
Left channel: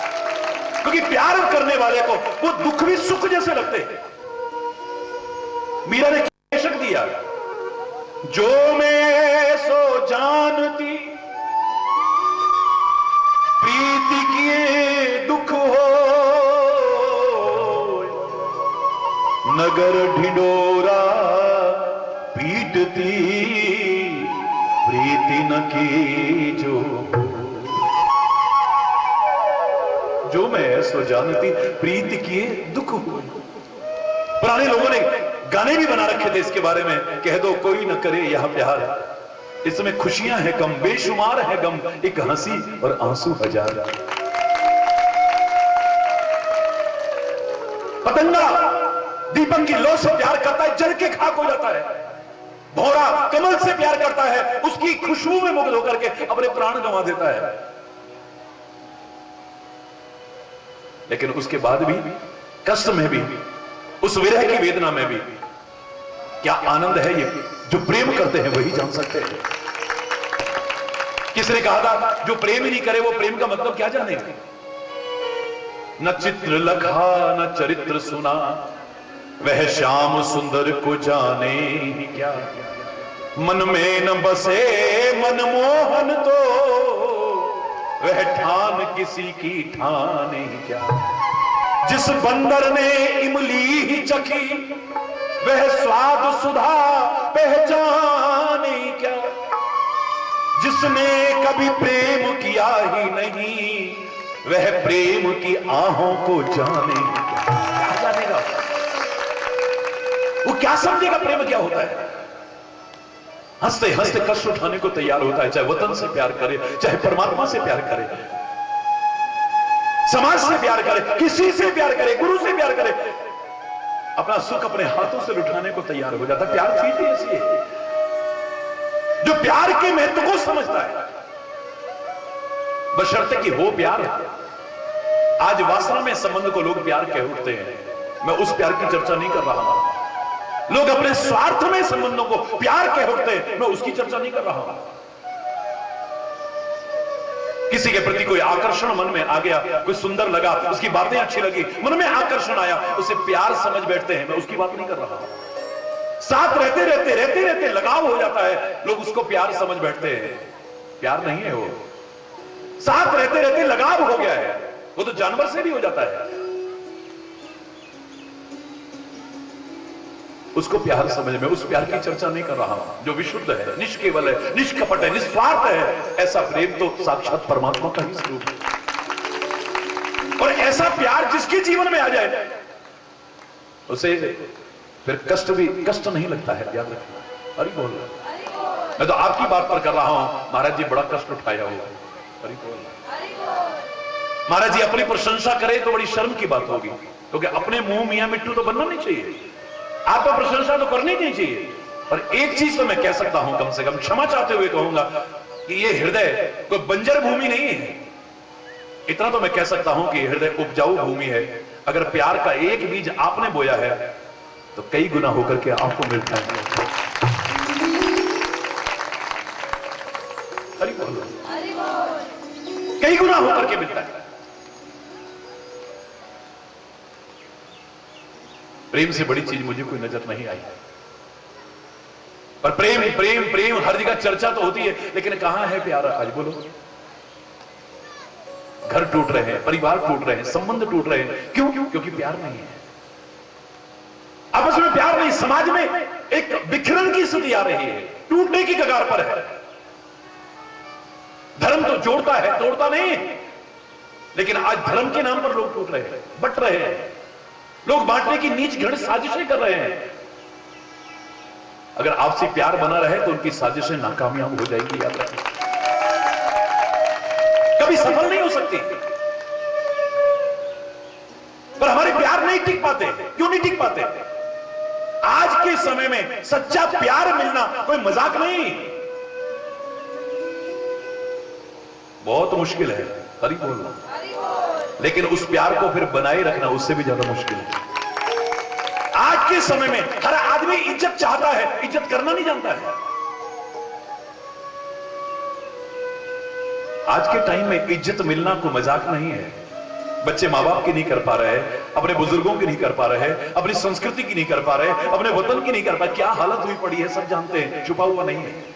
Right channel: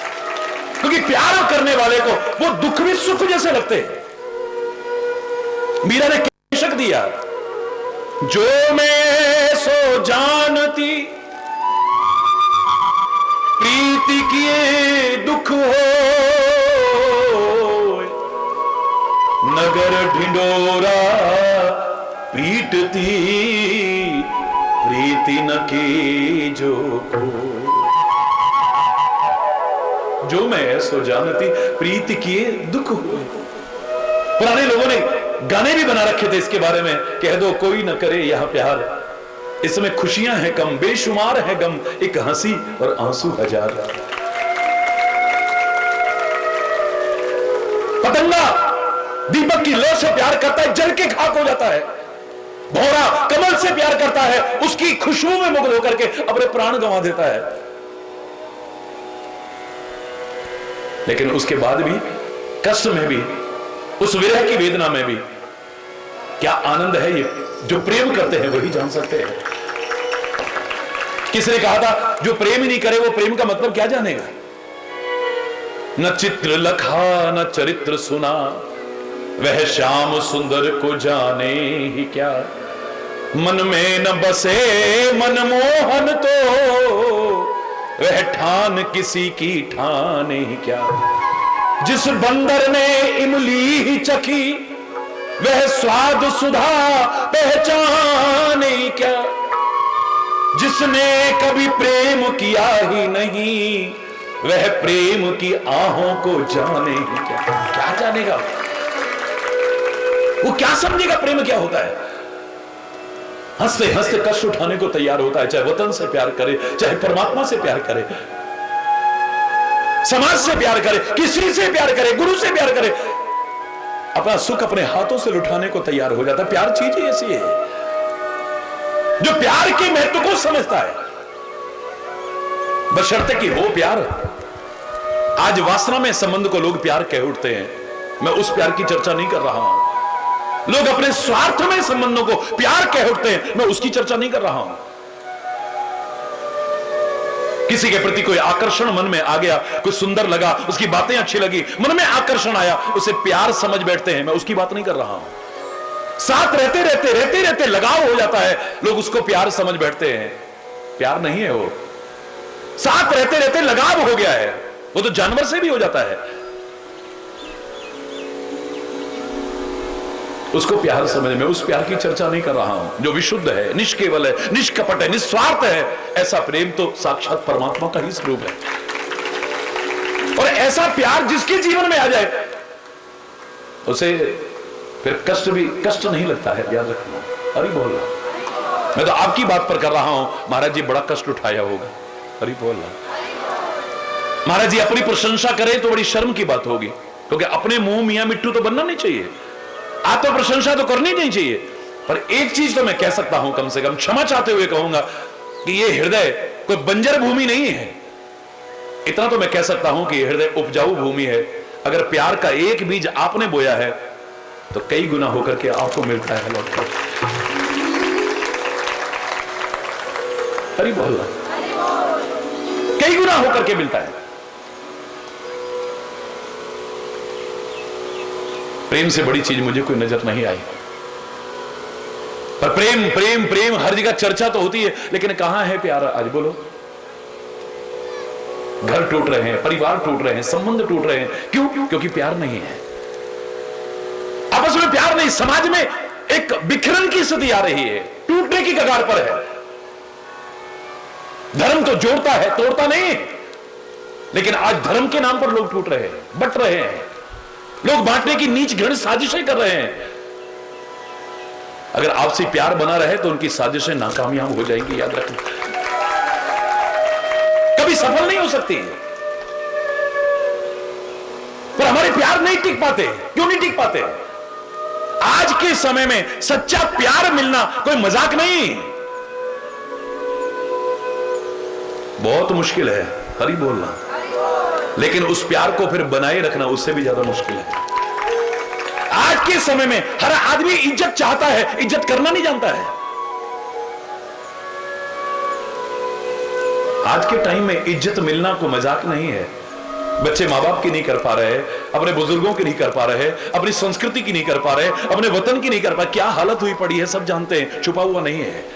क्योंकि प्यार करने वाले को वो दुख भी सुख जैसे लगते हैं। मीरा ने क्या शक दिया, जो मैं सो जानती, प्रीति किए दुख हो, नगर ढिंडोरा पीटती, प्रीति न की जो हो। जो मैं सो जानती, प्रीति किए दुख हो। पुराने लोगों ने गाने भी बना रखे थे इसके बारे में, कह दो कोई न करे यह प्यार, इसमें खुशियां हैं कम, बेशुमार है गम, एक हंसी और आंसू हजार। पतंगा दीपक की लौ से प्यार करता है, जल के खाक हो जाता है। भौरा कमल से प्यार करता है, उसकी खुशबू में मुग्ध होकर के अपने प्राण गंवा देता है। लेकिन उसके बाद भी, कष्ट में भी, उस विरह की वेदना में भी क्या आनंद है, ये जो प्रेम करते हैं वही जान सकते हैं। किसने कहा था, जो प्रेम ही नहीं करे वो प्रेम का मतलब क्या जानेगा। न चित्र लखा न चरित्र सुना, वह श्याम सुंदर को जाने ही क्या। मन में न बसे मनमोहन तो, वह ठान किसी की ठाने ही क्या। जिस बंदर ने इमली ही चखी, वह स्वाद सुधा पहचाने क्या। जिसने कभी प्रेम किया ही नहीं, वह प्रेम की आहों को जाने ही क्या। क्या जानेगा वो, क्या समझेगा प्रेम क्या होता है। हंसते हंसते कष्ट उठाने को तैयार होता है, चाहे वतन से प्यार करे, चाहे परमात्मा से प्यार करे, समाज से प्यार करे, किसी से प्यार करे, गुरु से प्यार करे, अपना सुख अपने हाथों से लुटाने को तैयार हो जाता है। प्यार चीज ऐसी है जो प्यार के महत्व को समझता है, बशर्ते कि वो प्यार। आज वासना में संबंध को लोग प्यार कह उठते हैं, मैं उस प्यार की चर्चा नहीं कर रहा हूं। लोग अपने स्वार्थ में संबंधों को प्यार कह उठते हैं, मैं उसकी चर्चा नहीं कर रहा हूं। किसी के प्रति कोई आकर्षण मन में आ गया, कोई सुंदर लगा, उसकी बातें अच्छी लगी, मन में आकर्षण आया, उसे प्यार समझ बैठते हैं, मैं उसकी बात नहीं कर रहा हूं। साथ रहते रहते लगाव हो जाता है, लोग उसको प्यार समझ बैठते हैं, प्यार नहीं है वो। साथ रहते लगाव हो गया है, वो तो जानवर से भी हो जाता है। उसको प्यार समझ में, उस प्यार की चर्चा नहीं कर रहा हूं जो विशुद्ध है, निष्केवल है, निष्कपट है, निस्वार्थ है। ऐसा प्रेम तो साक्षात परमात्मा का ही स्वरूप है। और ऐसा प्यार जिसके जीवन में आ जाए उसे फिर कष्ट नहीं लगता है, याद रखना। अरे बोल रहा, मैं तो आपकी बात पर कर रहा हूं। महाराज जी बड़ा कष्ट उठाया होगा। अरे बोल रहा, महाराज जी अपनी प्रशंसा करें तो बड़ी शर्म की बात होगी, क्योंकि अपने मुंह मियां मिट्टू तो बनना नहीं चाहिए, आत्म प्रशंसा तो करनी नहीं चाहिए। पर एक चीज तो मैं कह सकता हूं, कम से कम क्षमा चाहते हुए कहूंगा कि ये हृदय कोई बंजर भूमि नहीं है। इतना तो मैं कह सकता हूं कि हृदय उपजाऊ भूमि है। अगर प्यार का एक बीज आपने बोया है तो कई गुना होकर के आपको मिलता है। अरे बोल, कई गुना होकर के मिलता है। प्रेम से बड़ी चीज मुझे कोई नजर नहीं आई। पर प्रेम प्रेम प्रेम हर जगह चर्चा तो होती है, लेकिन कहां है प्यार आज? बोलो। घर टूट रहे हैं, परिवार टूट रहे हैं, संबंध टूट रहे हैं। क्यों? क्योंकि प्यार नहीं है, आपस में प्यार नहीं। समाज में एक बिखरन की स्थिति आ रही है, टूटने की कगार पर है। धर्म तो जोड़ता है, तोड़ता नहीं। लेकिन आज धर्म के नाम पर लोग टूट रहे हैं, बट रहे हैं, लोग बांटने की नीच घृण साजिशें कर रहे हैं। अगर आपसे प्यार बना रहे तो उनकी साजिशें नाकामयाब हो जाएगी, याद रखना। कभी सफल नहीं हो सकती। पर हमारे प्यार नहीं टिक पाते। क्यों नहीं टिक पाते? आज के समय में सच्चा प्यार मिलना कोई मजाक नहीं, बहुत मुश्किल है। हरी बोलना। लेकिन उस प्यार को फिर बनाए रखना उससे भी ज्यादा मुश्किल है। आज के समय में हर आदमी इज्जत चाहता है, इज्जत करना नहीं जानता है। आज के टाइम में इज्जत मिलना कोई मजाक नहीं है। बच्चे माँ बाप की नहीं कर पा रहे, अपने बुजुर्गों की नहीं कर पा रहे, अपनी संस्कृति की नहीं कर पा रहे, अपने वतन की नहीं कर पा रहे। क्या हालत हुई पड़ी है सब जानते हैं, छुपा हुआ नहीं है।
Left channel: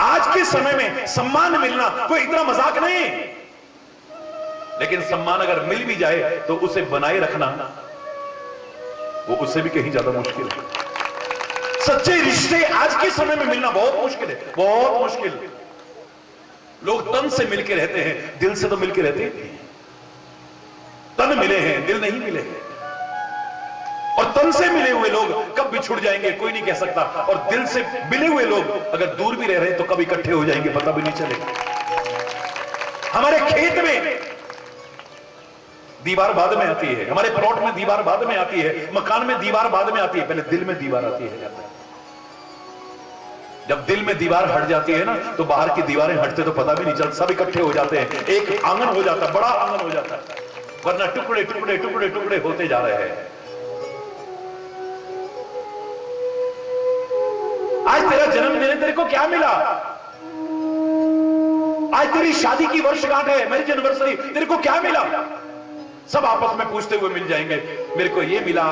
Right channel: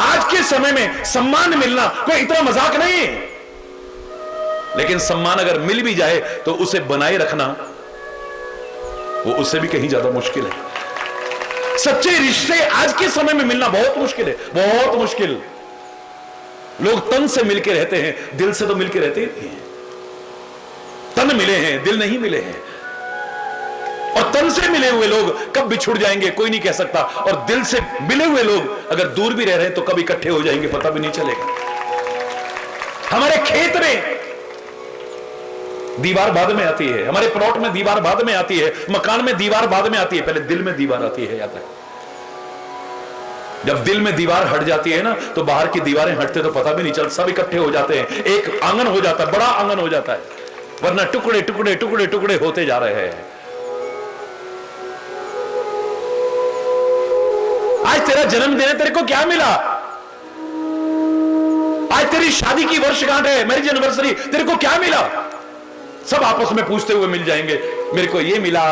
आज के समय में सम्मान मिलना कोई इतना मजाक नहीं, लेकिन सम्मान अगर मिल भी जाए तो उसे बनाए रखना वो उससे भी कहीं ज्यादा मुश्किल है। सच्चे रिश्ते आज के समय में मिलना बहुत मुश्किल है, बहुत मुश्किल। लोग तन से मिलके रहते हैं, दिल से तो मिलके रहते ही नहीं। तन मिले हैं, दिल नहीं मिले हैं। और तन से मिले हुए लोग कब बिछुड़ जाएंगे कोई नहीं कह सकता, और दिल से मिले हुए लोग अगर दूर भी रह रहे तो कब इकट्ठे हो जाएंगे पता भी नहीं चलेगा। हमारे खेत में दीवार बाद में आती है, हमारे प्लॉट में दीवार बाद में आती है, मकान में दीवार बाद में आती है, पहले दिल में दीवार आती है। याद है, जब दिल में दीवार हट जाती है ना तो बाहर की दीवारें हटते तो पता भी नहीं चलता, सब इकट्ठे हो जाते हैं, एक आंगन हो जाता है, बड़ा आंगन हो जाता है। वरना टुकड़े टुकड़े टुकड़े टुकड़े होते जा रहे हैं। आज तेरा जन्मदिन है, तेरे को क्या मिला? आज तेरी शादी की वर्षगांठ है, मैरिज एनिवर्सरी, तेरे को क्या मिला? सब आपस में पूछते हुए मिल जाएंगे, मेरे को ये मिला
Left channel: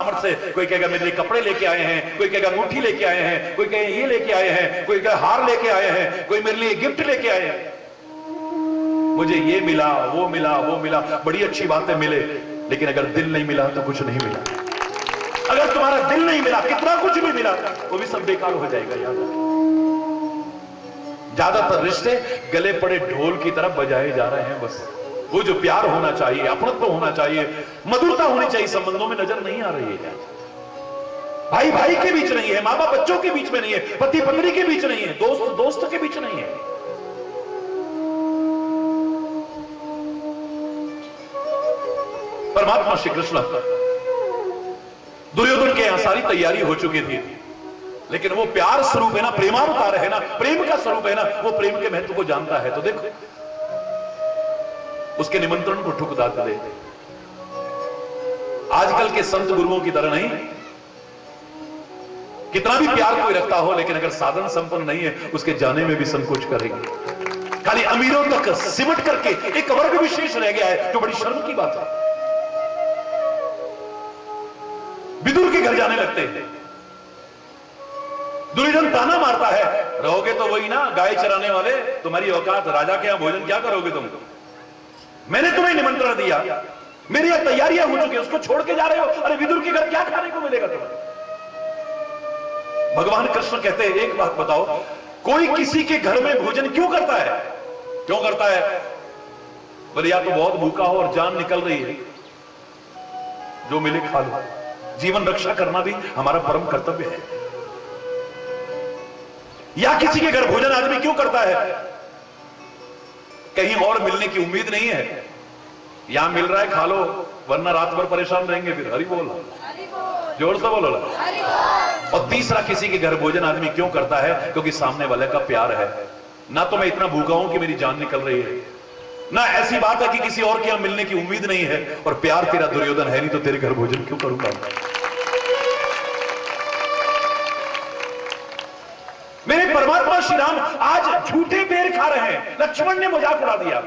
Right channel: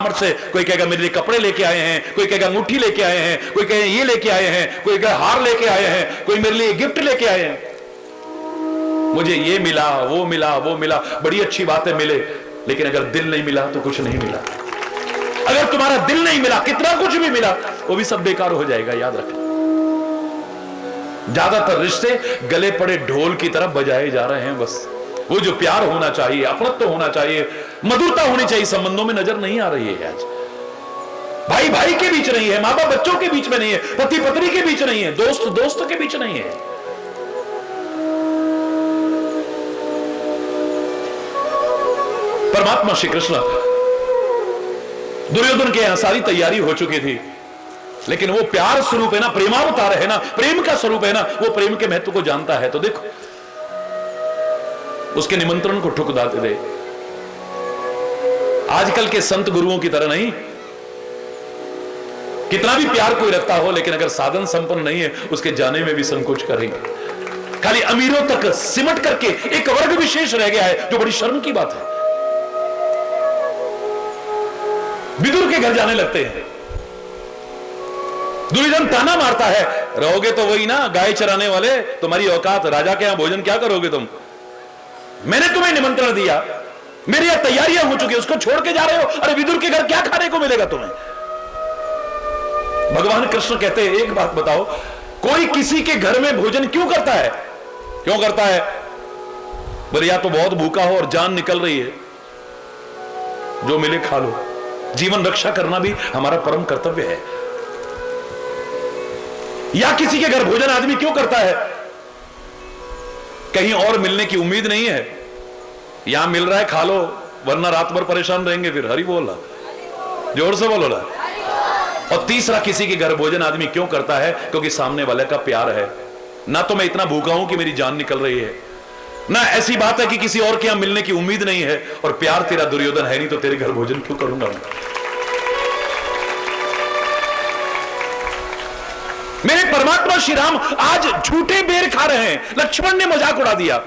से, कोई कहेगा मेरे लिए कपड़े लेके आए हैं, कोई कहेगा मुट्ठी लेके आए हैं, कोई कहेगा ये लेके आए हैं, कोई कहेगा हार लेके आए हैं, कोई मेरे लिए गिफ्ट लेके आए हैं। मुझे ये मिला, वो मिला, वो मिला, बड़ी अच्छी बातें मिले, लेकिन अगर दिल नहीं मिला तो कुछ नहीं मिला। अगर तुम्हारा दिल नहीं मिला, कितना कुछ भी मिला वो भी सब बेकार हो जाएगा, याद रख। ज्यादातर रिश्ते गले पड़े ढोल की तरह बजाए जा रहे हैं। बस वो जो प्यार होना चाहिए, अपनत्व होना चाहिए, मधुरता होनी चाहिए, संबंधों में नजर नहीं आ रही है। आज भाई भाई के बीच नहीं है, माँ बाप बच्चों के बीच में नहीं है, पति पत्नी के बीच नहीं है, दोस्त दोस्त के बीच नहीं है। परमात्मा श्री कृष्ण, दुर्योधन के यहां सारी तैयारी हो चुकी थी, लेकिन वो प्यार स्वरूप है ना, प्रेमावतार है ना, प्रेम का स्वरूप है ना, वो प्रेम के महत्व को जानता है। तो देखो उसके निमंत्रण को ठुकरा दे। आजकल के संत गुरुओं की तरह नहीं, कितना भी प्यार कोई रखता हो, लेकिन अगर साधन संपन्न नहीं है उसके जाने में भी संकोच करेंगे। खाली अमीरों तक सिमट करके एक वर्ग विशेष रह गया है, जो बड़ी शर्म की बात है। विदुर के घर जाने लगते हैं, दुर्योधन ताना मारता है, रहोगे तो वही ना गाय चराने वाले, तुम्हारी औकात, राजा के यहां भोजन क्या करोगे तुम? मैंने तुम्हें निमंत्रण दिया, मेरी यहां तैयारियां हो चुकी है, उसको छोड़ के जा रहे हो। अरे विदुर के घर क्या खाने को मिलेगा तुम्हें? भगवान कृष्ण कहते हैं एक बात बताओ, कोई किसी के घर में भोजन क्यों करता है? क्यों करता है? बोले या तो बहुत भूखा हो और जान निकल रही है, जो मिले खा लो। जीवन रक्षा करना भी हमारा परम कर्तव्य है। या किसी के घर भोजन आदमी क्यों करता है? कहीं और मिलने की उम्मीद नहीं है, यहां मिल रहा है खा लो, वरना रात भर परेशान रहेंगे। फिर हरि बोल, जोर से बोलो ना। और तीसरा, किसी के घर भोजन आदमी क्यों करता है? क्योंकि सामने वाले का प्यार है। ना तो मैं इतना भूखा हूं कि मेरी जान निकल रही है, ना ऐसी बात है कि किसी और के यहां मिलने की उम्मीद नहीं है, और प्यार तेरा दुर्योधन है नहीं तो तेरे घर भोजन क्यों करूंगा? मेरे परमात्मा श्री राम आज झूठे बेर खा रहे हैं। लक्ष्मण ने मजाक उड़ा दिया,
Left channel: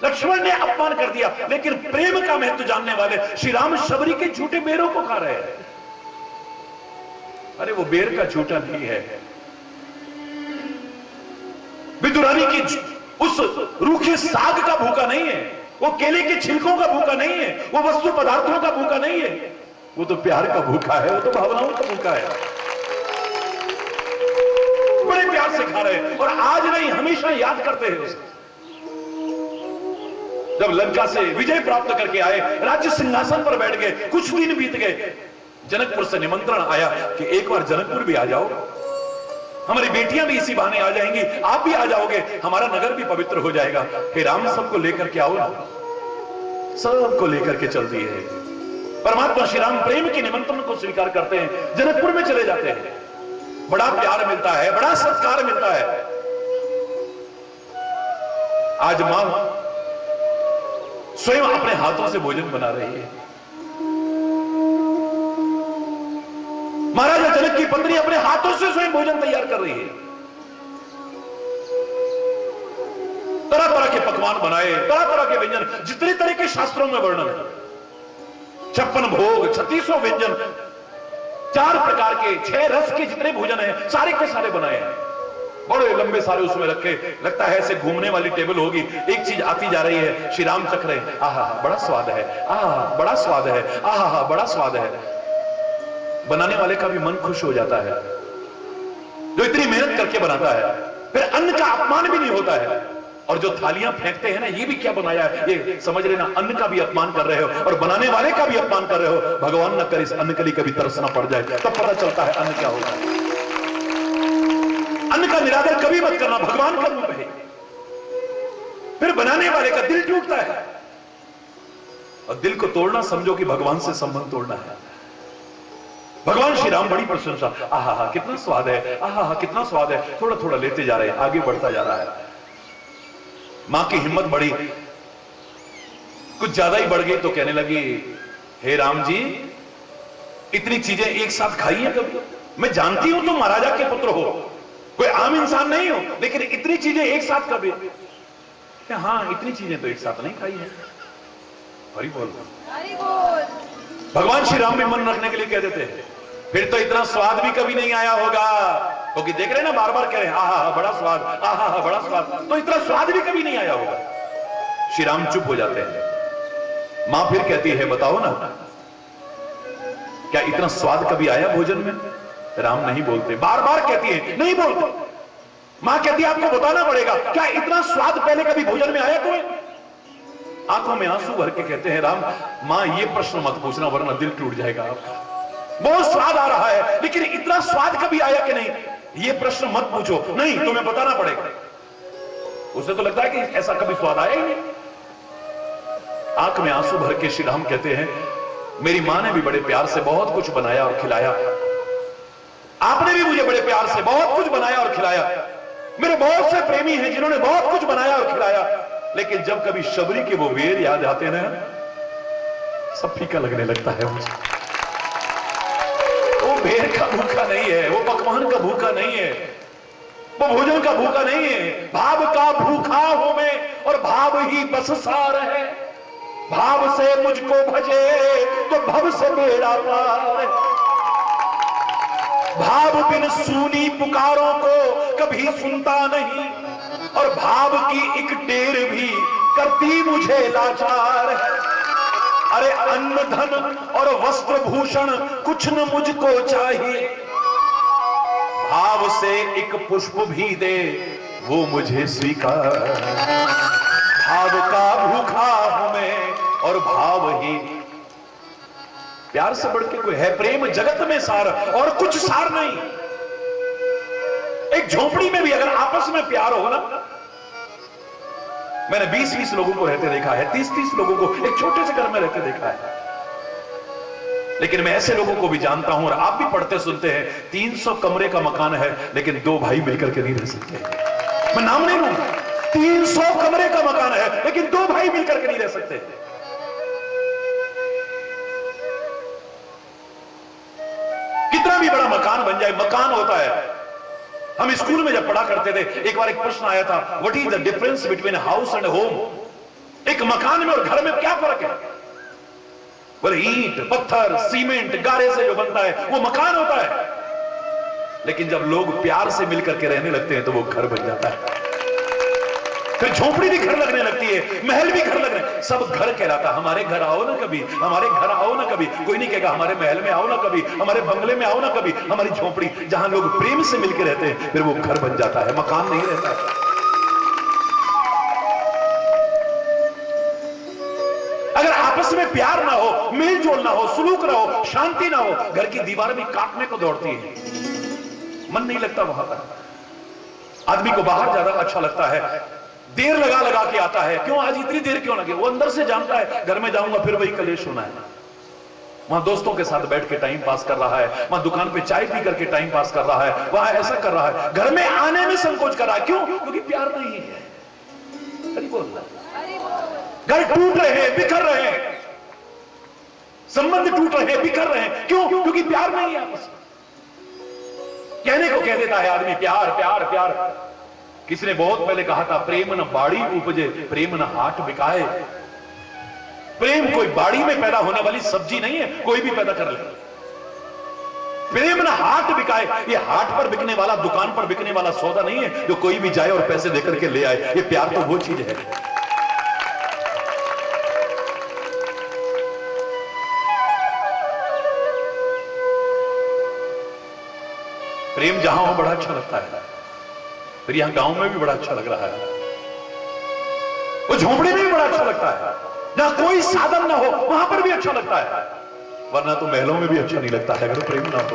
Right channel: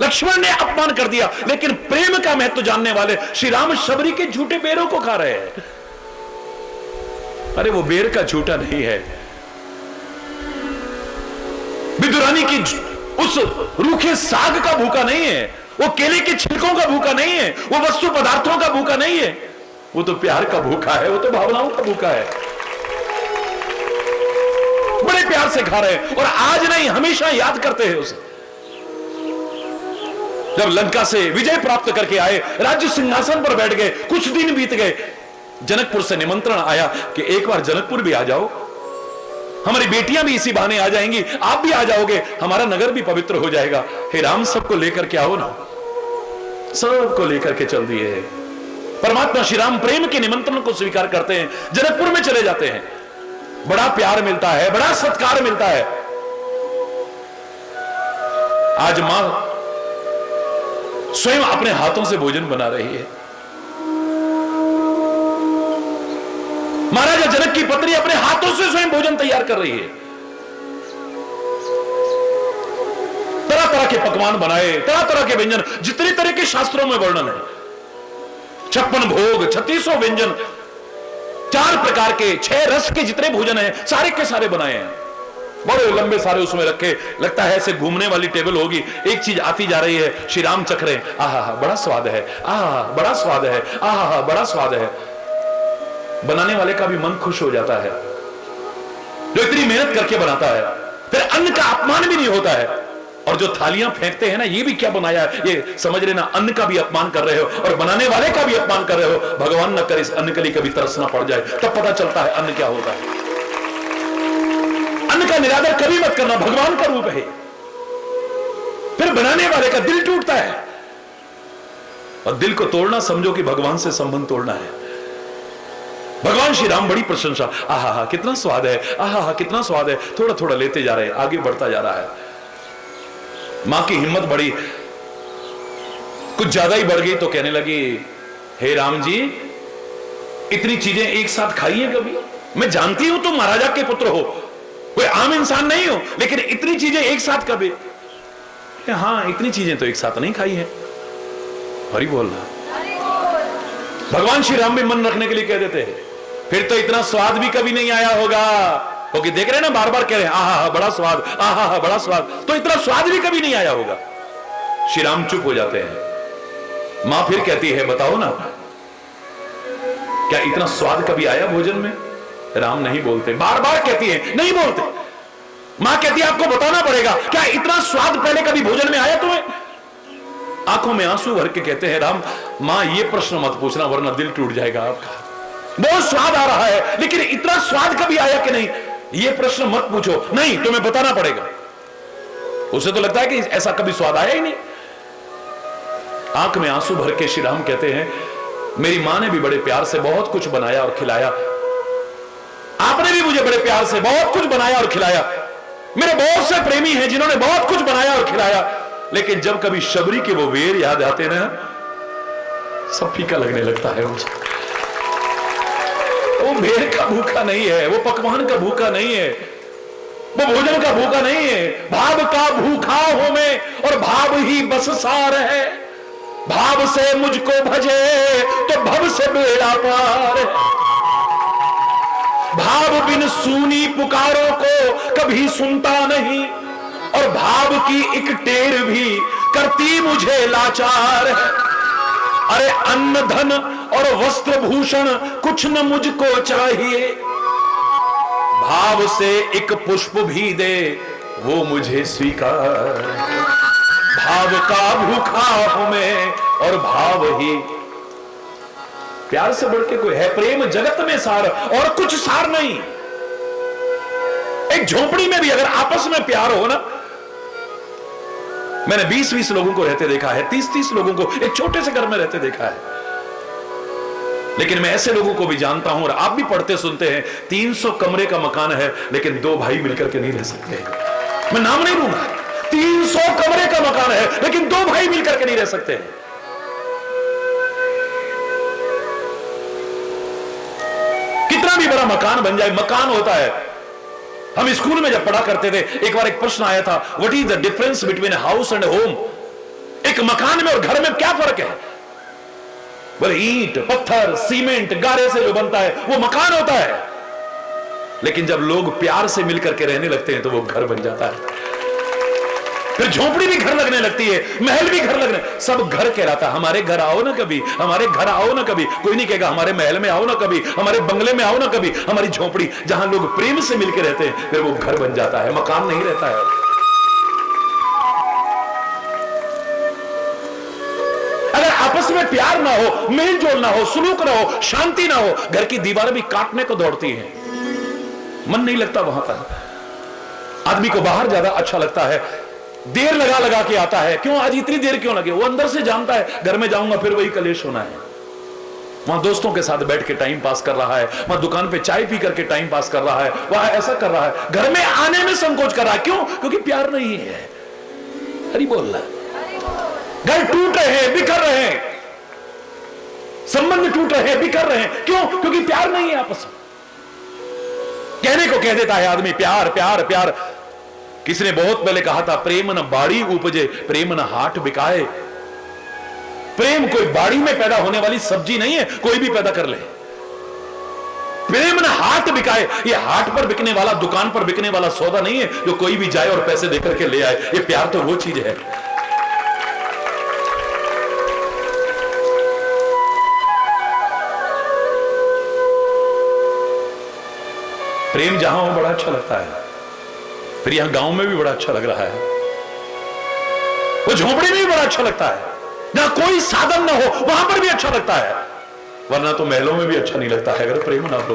लक्ष्मण ने अपमान कर दिया, लेकिन प्रेम का महत्व जानने वाले श्री राम शबरी के झूठे बेरों को खा रहे हैं। अरे वो बेर का झूठा नहीं है, विदुरानी की उस रूखे साग का भूखा नहीं है, वो केले के छिलकों का भूखा नहीं है, वो वस्तु पदार्थों का भूखा नहीं है, वो तो प्यार का भूखा है, वो तो भावनाओं का भूखा है। बड़े प्यार से खा रहे हैं और आज नहीं हमेशा याद करते हैं उसे। जब लंका से विजय प्राप्त करके आए, राज्य सिंहासन पर बैठ गए, कुछ दिन बीत गए, जनकपुर से निमंत्रण आया कि एक बार जनकपुर भी आ जाओ, हमारी बेटियां भी इसी बहाने आ जाएंगी, आप भी आ जाओगे, हमारा नगर भी पवित्र हो जाएगा। हे राम, सबको लेकर के आओ ना। सबको लेकर के चल दिए हैं। परमात्मा श्री राम प्रेम के निमंत्रण को स्वीकार करते हैं, जनकपुर में चले जाते हैं। बड़ा प्यार मिलता है, बड़ा सत्कार मिलता है। आज मां स्वयं अपने हाथों से भोजन बना रही है। महाराजा जनक की पत्नी अपने हाथों से स्वयं भोजन तैयार कर रही है। तरह तरह के पकवान बनाए, तरह तरह के व्यंजन, जितने तरह के शास्त्रों में वर्णन है। 56 भोग, 36 व्यंजन, 4 प्रकार के, 6 रस के जितने भोजन हैं सारे के सारे बनाए हैं। बड़े लंबे सारे उसमें रखे, लगता है ऐसे घूमने वाली टेबल होगी, एक चीज आती जा रही है, श्री राम चख रहे, आहा बड़ा स्वाद है, आहा बड़ा स्वाद है, आहा बड़ा स्वाद है। बनाने वाले का भी मन खुश हो जाता है, जो इतनी मेहनत करके बनाता है। फिर अन्न का अपमान भी नहीं होता है। और जो थालियां फेंकते हैं ना, ये भी क्या बनाया है, ये समझ लेना अन्न का भी अपमान कर रहे हो और बनाने वाले का भी अपमान कर रहे हो। भगवान न करे इस अन्न के लिए कभी तरसना पड़ जाए, तब पता चलता है अन्न क्या होता है। अन्न का निरादर कभी मत करना, भगवान का रूप है। फिर बनाने वाले का दिल टूटता है, और दिल को तोड़ना समझो कि भगवान से संबंध तोड़ना है। भगवान श्री राम बड़ी प्रशंसा, आहा कितना स्वाद है, आहा कितना स्वाद है, थोड़ा थोड़ा लेते जा रहे हैं, आगे बढ़ता जा रहा है। मां की हिम्मत बढ़ी, कुछ ज्यादा ही बढ़ गई तो कहने लगी, हे राम जी, इतनी चीजें एक साथ खाई है कभी? मैं जानती हूं तुम महाराजा के पुत्र हो, कोई आम इंसान नहीं हो, लेकिन इतनी चीजें एक साथ कभी? हाँ, इतनी चीजें तो एक साथ नहीं खाई है। हरि बोलना। भगवान श्री राम भी मन रखने के लिए कह देते हैं, फिर तो इतना स्वाद भी कभी नहीं आया होगा, क्योंकि देख रहे हैं ना, बार बार कह रहे हैं आहा बड़ा स्वाद, आहा बड़ा स्वाद, तो इतना स्वाद भी कभी नहीं आया होगा। श्री राम चुप हो जाते हैं। मां फिर कहती है, बताओ ना, क्या इतना स्वाद कभी आया भोजन में? राम नहीं बोलते, बार बार कहती है, नहीं बोलते। मां कहती है, आपको बताना पड़ेगा, क्या इतना स्वाद पहले कभी भोजन में आया तुम्हें? आंखों में आंसू भर के कहते हैं, राम मां ये प्रश्न मत पूछना, वरना दिल टूट जाएगा आपका। बहुत स्वाद आ रहा है, लेकिन इतना स्वाद कभी आया कि नहीं, ये प्रश्न मत पूछो, नहीं तुम्हें बताना पड़ेगा। उसे तो लगता है कि ऐसा कभी स्वाद आया ही नहीं। आंख में आंसू भर के श्री राम कहते हैं, मेरी मां ने भी बड़े प्यार से बहुत कुछ बनाया और खिलाया, आपने भी मुझे बड़े प्यार से बहुत कुछ बनाया और खिलाया, मेरे बहुत से प्रेमी हैं जिन्होंने बहुत कुछ बनाया और खिलाया, लेकिन जब कभी शबरी के वो वेर याद आते ना, सब फीका लगने लगता है मुझे। वो वेर का भूखा नहीं है, वो पकवान का भूखा नहीं है, वो भोजन का भूखा नहीं है। भाव का भूखा हो मैं, और भाव ही बस सार है। भाव से मुझको भजे तो भव से बेड़ा पार है। भाव बिन सूनी पुकारों को कभी सुनता नहीं, और भाव की एक टेर भी करती मुझे लाचार है। अरे अन्न धन और वस्त्र भूषण कुछ न मुझको चाहिए, भाव से एक पुष्प भी दे वो मुझे स्वीकार। भाव का भूखा हूं मैं और भाव ही प्यार से बढ़ के कोई है। प्रेम जगत में सार और कुछ सार नहीं। एक झोपड़ी में भी अगर आपस में प्यार हो ना, मैंने 20-20 लोगों को रहते देखा है, 30-30 लोगों को एक छोटे से घर में रहते देखा है। लेकिन मैं ऐसे लोगों को भी जानता हूं और आप भी पढ़ते सुनते हैं, 300 कमरे का मकान है लेकिन 2 भाई मिलकर के नहीं रह सकते। मैं नाम नहीं लूंगा, 300 कमरे का मकान है लेकिन 2 भाई मिलकर के नहीं रह सकते। कितना भी बड़ा मकान बन जाए, मकान होता है। हम स्कूल में जब पढ़ा करते थे, एक बार एक प्रश्न आया था, what is the difference between house and home? एक मकान में और घर में क्या फर्क है? बोले ईंट, पत्थर, सीमेंट, गारे से जो बनता है वो मकान होता है। लेकिन जब लोग प्यार से मिलकर के रहने लगते हैं तो वो घर बन जाता है। फिर झोपड़ी भी घर लगने लगती है, महल भी घर लगने, सब घर कहलाता है। हमारे घर आओ ना कभी, हमारे घर आओ ना कभी। कोई नहीं कहेगा हमारे महल में आओ ना कभी, हमारे बंगले में आओ ना कभी। हमारी झोपड़ी जहां लोग प्रेम से मिलकर रहते हैं फिर वो घर बन जाता है, मकान नहीं रहता है। अगर आपस में प्यार ना हो, मेल जोल ना हो, सुलूक ना हो, शांति ना हो, घर की दीवारें भी काटने को दौड़ती हैं, मन नहीं लगता वहां पर। आदमी को बाहर ज्यादा अच्छा लगता है, देर लगा लगा के आता है। क्यों आज इतनी देर क्यों लगे? वो अंदर से जानता है घर में जाऊंगा फिर वही कलेश होना है। वहां दोस्तों के साथ बैठ के टाइम पास कर रहा है, वहां दुकान पे चाय पी करके टाइम पास कर रहा है, वहां ऐसा कर रहा है, घर में आने में संकोच कर रहा है। क्यों? क्योंकि प्यार नहीं है। हरि बोल रहा है। घर टूट रहे हैं, बिखर रहे हैं, संबंध टूट रहे हैं, बिखर रहे हैं। क्यों? क्योंकि प्यार नहीं है आपस में। कहने को कह देता है आदमी प्यार प्यार प्यार। किसी ने बहुत पहले कहा था, प्रेम न बाड़ी उपजे प्रेम न हाट बिकाए। प्रेम कोई बाड़ी में पैदा होने वाली सब्जी नहीं है, कोई भी पैदा कर ले। प्रेम न हाट बिकाए, ये हाट पर बिकने वाला, दुकान पर बिकने वाला सौदा नहीं है जो कोई भी जाए और पैसे देकर के ले आए। ये प्यार तो वो चीज है। प्रेम जहां हो बड़ा अच्छा लगता है। फिर यहां गांव में भी बड़ा अच्छा लग रहा है, वो झोपड़ी में भी बड़ा अच्छा लगता है। जहां कोई साधन ना हो वहां पर भी अच्छा लगता है, वरना तो महलों में भी अच्छा नहीं लगता है अगर प्रेम ना हो।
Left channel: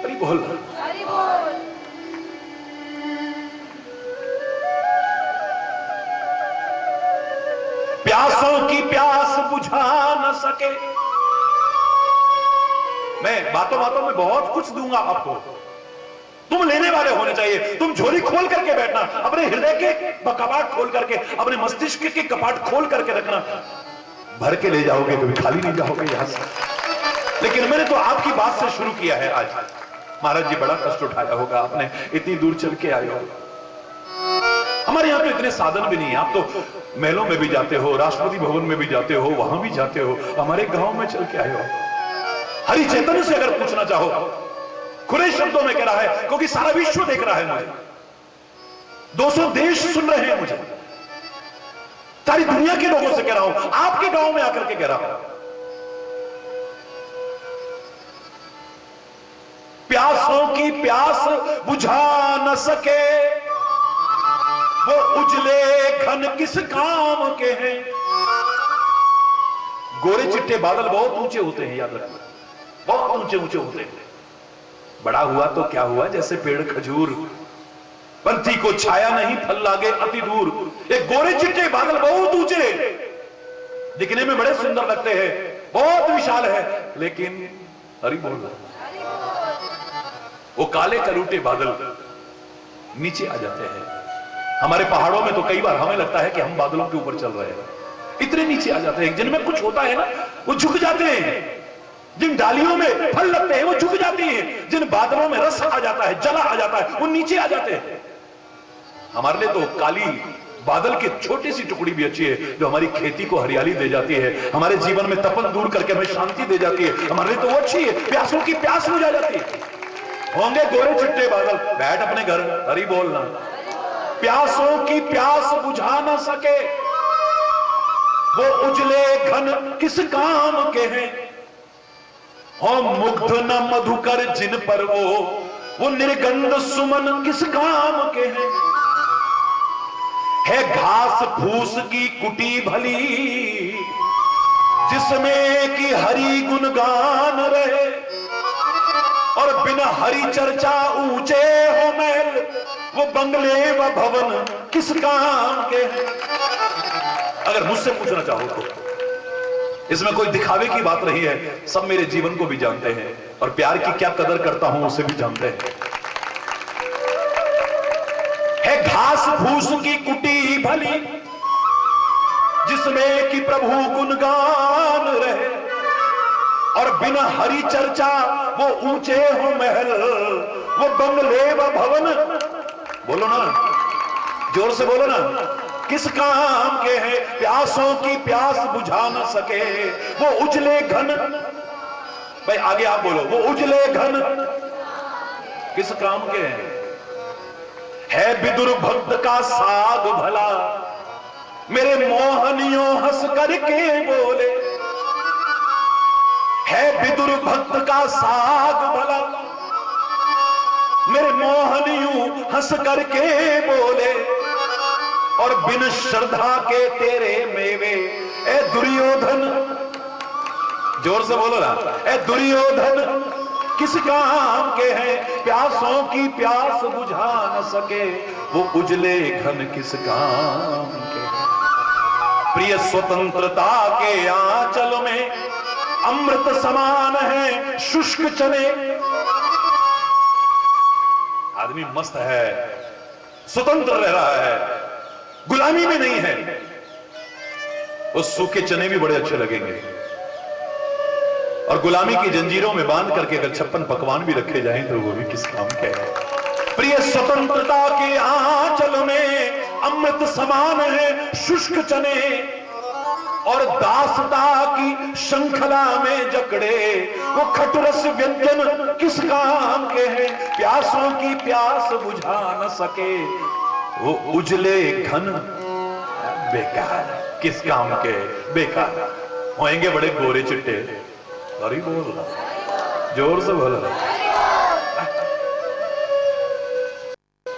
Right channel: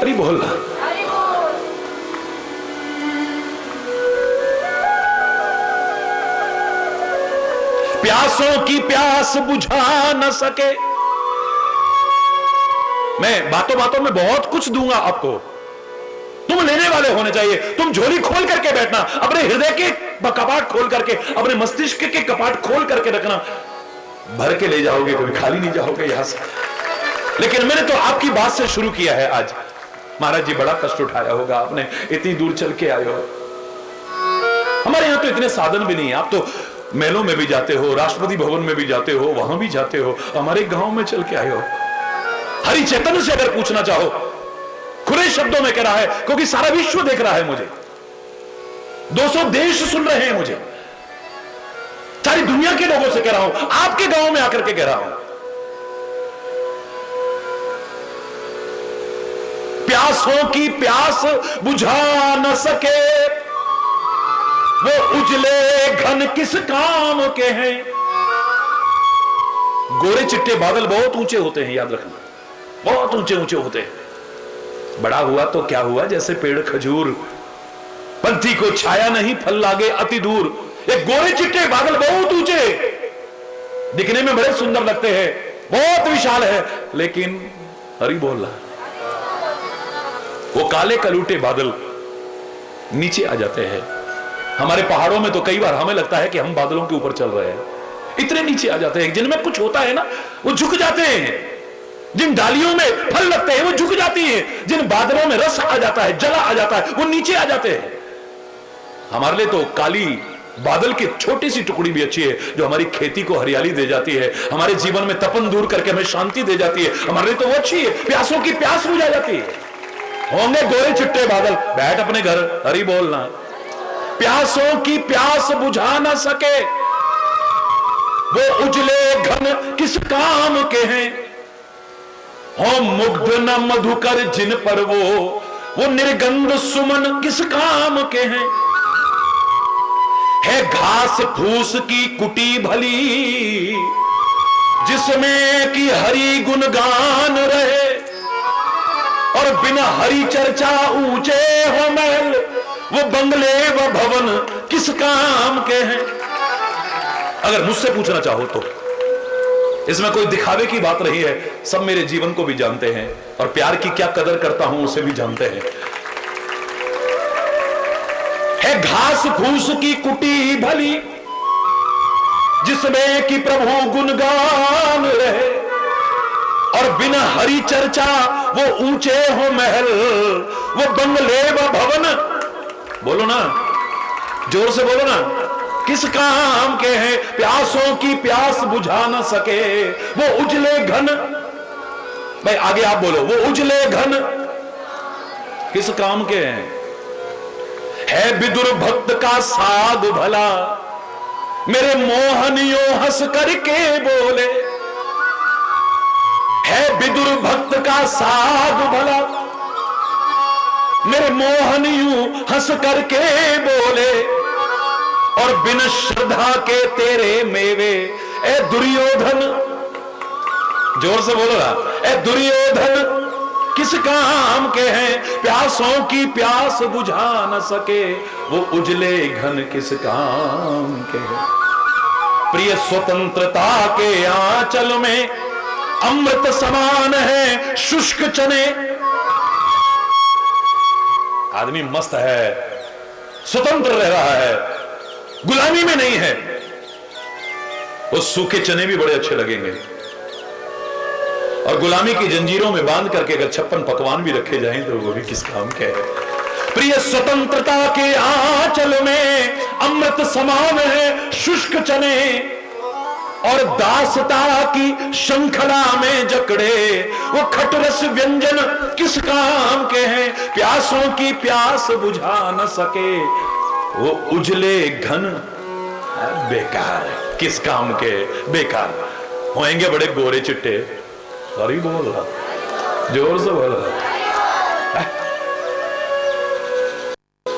अरे बोल रहा, प्यासों की प्यास बुझा न सके। मैं बातों बातों में बहुत कुछ दूंगा आपको, तुम लेने वाले होने चाहिए। तुम झोली खोल करके बैठना, अपने हृदय के कपाट खोल करके, अपने मस्तिष्क के कपाट खोल करके रखना। भर के ले जाओगे, कोई खाली नहीं जाओगे यहां से। लेकिन मैंने तो आपकी बात से शुरू किया है आज। महाराज जी बड़ा कष्ट उठाया होगा, आपने इतनी दूर चल के आए हो। हमारे यहाँ तो इतने साधन भी नहीं है। आप तो महलों में भी जाते हो, राष्ट्रपति भवन में भी जाते हो, वहां भी जाते हो, हमारे गांव में चल के आए हो। हरि चैतन्य से अगर पूछना चाहो, खुले शब्दों में कह रहा है, क्योंकि सारा विश्व देख रहा है मुझे, 200 देश सुन रहे हैं मुझे, सारी दुनिया के लोगों से कह रहा हूं, आपके गांव में आकर के कह रहा हूं। प्यासों की प्यास बुझा न सके वो उजले घन किस काम के हैं। गोरे चिट्टे बादल बहुत ऊंचे होते हैं, याद रखना, बहुत ऊंचे ऊंचे होते हैं। बड़ा हुआ तो क्या हुआ, जैसे पेड़ खजूर, पंथी को छाया नहीं फल लागे अति दूर। एक गोरे चिट्टे बादल बहुत ऊंचे, दिखने में बड़े सुंदर लगते हैं, बहुत विशाल है, लेकिन हरि बोल रहा, वो काले कलूटे बादल नीचे आ जाते हैं। हमारे पहाड़ों में तो कई बार हमें लगता है कि हम बादलों के ऊपर चल रहे हैं, इतने नीचे आ जाते हैं। जिनमें कुछ होता है ना वो झुक जाते हैं, जिन डालियों में फल लगते हैं वो झुक जाती हैं, जिन बादलों में रस आ जाता है, जला आ जाता है, वो नीचे आ जाते हैं। हमारे लिए तो काली बादल की छोटी सी टुकड़ी भी अच्छी है, जो हमारी खेती को हरियाली दे जाती है, हमारे जीवन में तपन दूर करके हमें शांति दे जाती है। हमारे लिए तो वो अच्छी है, प्यासों की प्यास बुझा जाती है। होंगे गोरे चिट्टे बादल, बैठ अपने घर, हरि बोलना। प्यासों की प्यास बुझा ना सके वो उजले घन किस काम के हैं। हो मुग्ध न मधुकर जिन पर वो निर्गंध सुमन किस काम के हैं। है घास फूस की कुटी भली जिसमें कि हरि गुणगान रहे, और बिना हरि चर्चा ऊंचे हो महल वो बंगले व भवन किस काम के हैं। अगर मुझसे पूछना चाहो तो इसमें कोई दिखावे की बात रही है। सब मेरे जीवन को भी जानते हैं और प्यार की क्या कदर करता हूं उसे भी जानते हैं। है घास फूस की कुटी भली जिसमें कि प्रभु गुणगान रहे, और बिना हरि चर्चा वो ऊंचे हो महल वो बंगले व भवन। बोलो ना, जोर से बोलो ना, किस काम के हैं। प्यासों की प्यास बुझा न सके वो उजले घन। भाई आगे आप बोलो, वो उजले घन किस काम के हैं। है विदुर भक्त का साध भला मेरे मोहनियों हंस करके बोले। है विदुर भक्त का साध भला मेरे मोहनियों हंस करके बोले, और बिन श्रद्धा के तेरे मेवे ए दुर्योधन। जोर से बोलो ना, ए दुर्योधन किस काम के हैं। प्यासों की प्यास बुझा न सके वो उजले घन किस काम के हैं। प्रिय स्वतंत्रता के आंचल में अमृत समान है शुष्क चने। आदमी मस्त है, स्वतंत्र रह रहा है, गुलामी में नहीं है। उस सूखे चने भी बड़े अच्छे लगेंगे, और गुलामी की जंजीरों में बांध करके अगर 56 पकवान भी रखे जाएं तो वो भी किस काम के है। प्रिय स्वतंत्रता के आंचल में अमृत समान है शुष्क चने, और दासता की श्रृंखला में जकड़े वो खटरस व्यंजन किस काम के हैं। प्यासों की प्यास बुझा न सके वो उजले घन बेकार किस काम के। बेकार होएंगे बड़े गोरे चिट्टे। सॉरी बोल रहा, जोर से बोल रहा।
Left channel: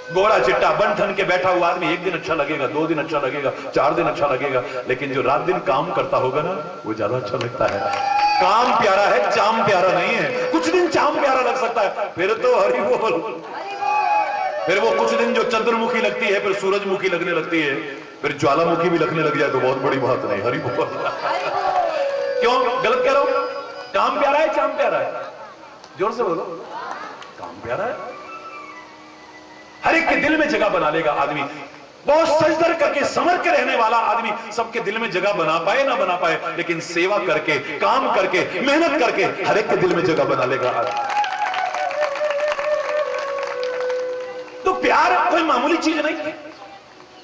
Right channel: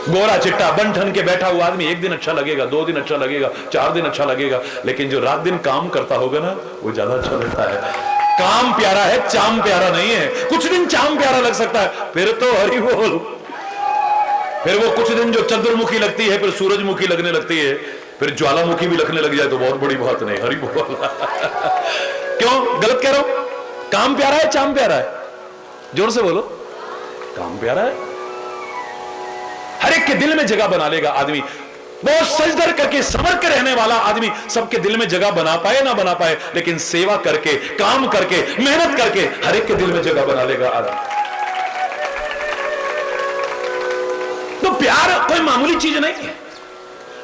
गोरा चिट्टा बन ठन के बैठा हुआ आदमी एक दिन अच्छा लगेगा, 2 दिन अच्छा लगेगा, 4 दिन अच्छा लगेगा, लेकिन जो रात दिन काम करता होगा ना वो ज्यादा अच्छा लगता है। काम प्यारा है, चाम प्यारा नहीं है। कुछ दिन चाम प्यारा लग सकता है, फिर तो हरि बोल। फिर वो कुछ दिन जो चंद्रमुखी लगती है फिर सूरजमुखी लगने लगती है, फिर ज्वालामुखी भी लगने लग जाए तो बहुत बड़ी बात नहीं। हरि बोल। क्यों गलत कह रहा हूं? काम प्यारा है, चाम प्यारा है? जोर से बोलो, काम प्यारा है। हर एक के दिल में जगह बना लेगा आदमी। बहुत सजदर करके समझ के रहने वाला आदमी सबके दिल में जगह बना पाए ना बना पाए, लेकिन सेवा करके, काम करके, मेहनत करके हर एक के दिल में जगह बना लेगा। तो प्यार कोई मामूली चीज नहीं है।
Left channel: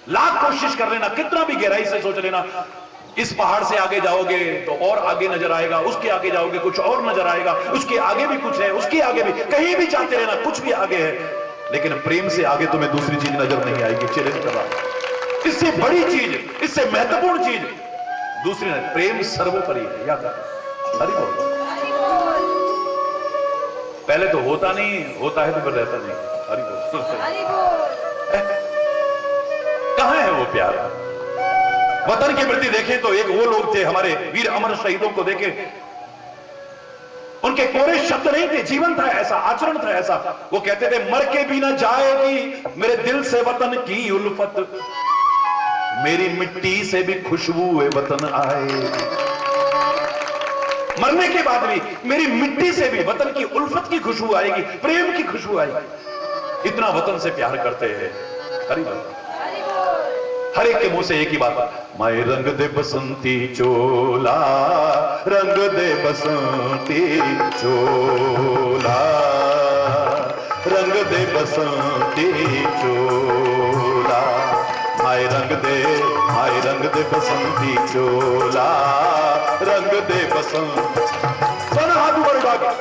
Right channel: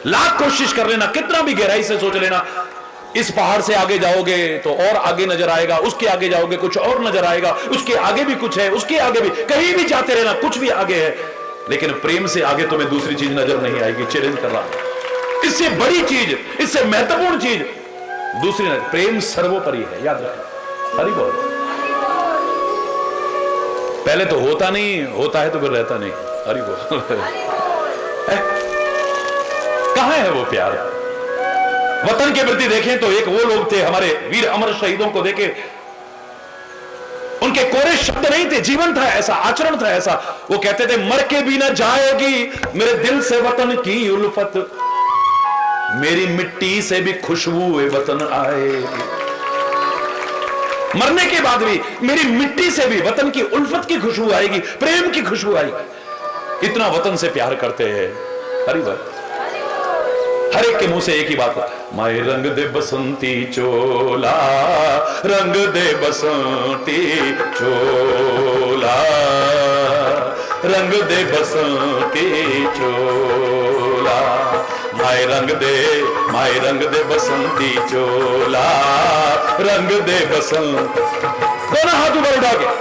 लाख कोशिश कर लेना, कितना भी गहराई से सोच लेना, इस पहाड़ से आगे जाओगे तो और आगे नजर आएगा, उसके आगे जाओगे कुछ और नजर आएगा, उसके आगे भी कुछ है, उसके आगे भी, कहीं भी जाते रहना कुछ भी आगे है, लेकिन प्रेम से आगे तुम्हें दूसरी चीज नजर नहीं आएगी। चैलेंज कर रहा, इससे बड़ी चीज, इससे महत्वपूर्ण चीज दूसरी नहीं। प्रेम सर्वोपरि है, याद रखो। हरि बोल। पहले तो होता नहीं, होता है तो फिर रहता नहीं। हरि बोल। कहां है वो प्यार? वतन के प्रति देखें तो एक वो लोग थे, हमारे वीर अमर शहीदों को देखें, उनके कोरे शब्द नहीं थे, जीवन था ऐसा, आचरण था ऐसा। वो कहते थे मर के भी ना जाएगी मेरे दिल से वतन की उल्फत, मेरी मिट्टी से भी खुशबू वतन आए। मरने के बाद भी मेरी मिट्टी से भी वतन की उल्फत की खुशबू आएगी, प्रेम की खुशबू आएगी। इतना वतन से प्यार करते हैं। हरि बोल। हर एक के मुंह से एक ही बात, माए रंग दे बसंती चोला, रंग दे बसंती चोला, रंग दे बसंती चोला, माए रंग दे बसंती चोला, रंग दे बसंत। दोनों हाथ ऊपर उठा के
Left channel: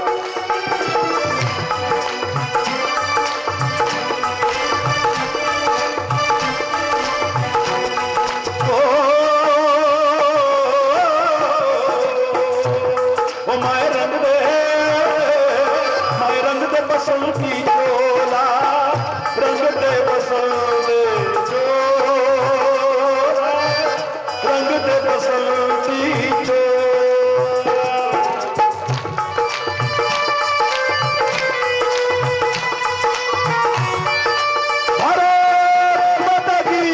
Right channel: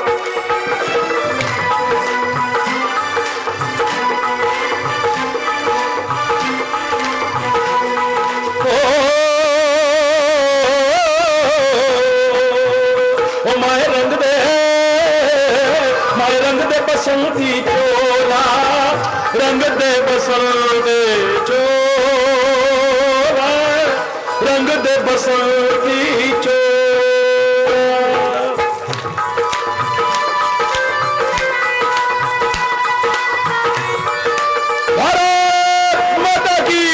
दे बसंती चोला, रंग दे बसंती चोला। भारत माता की।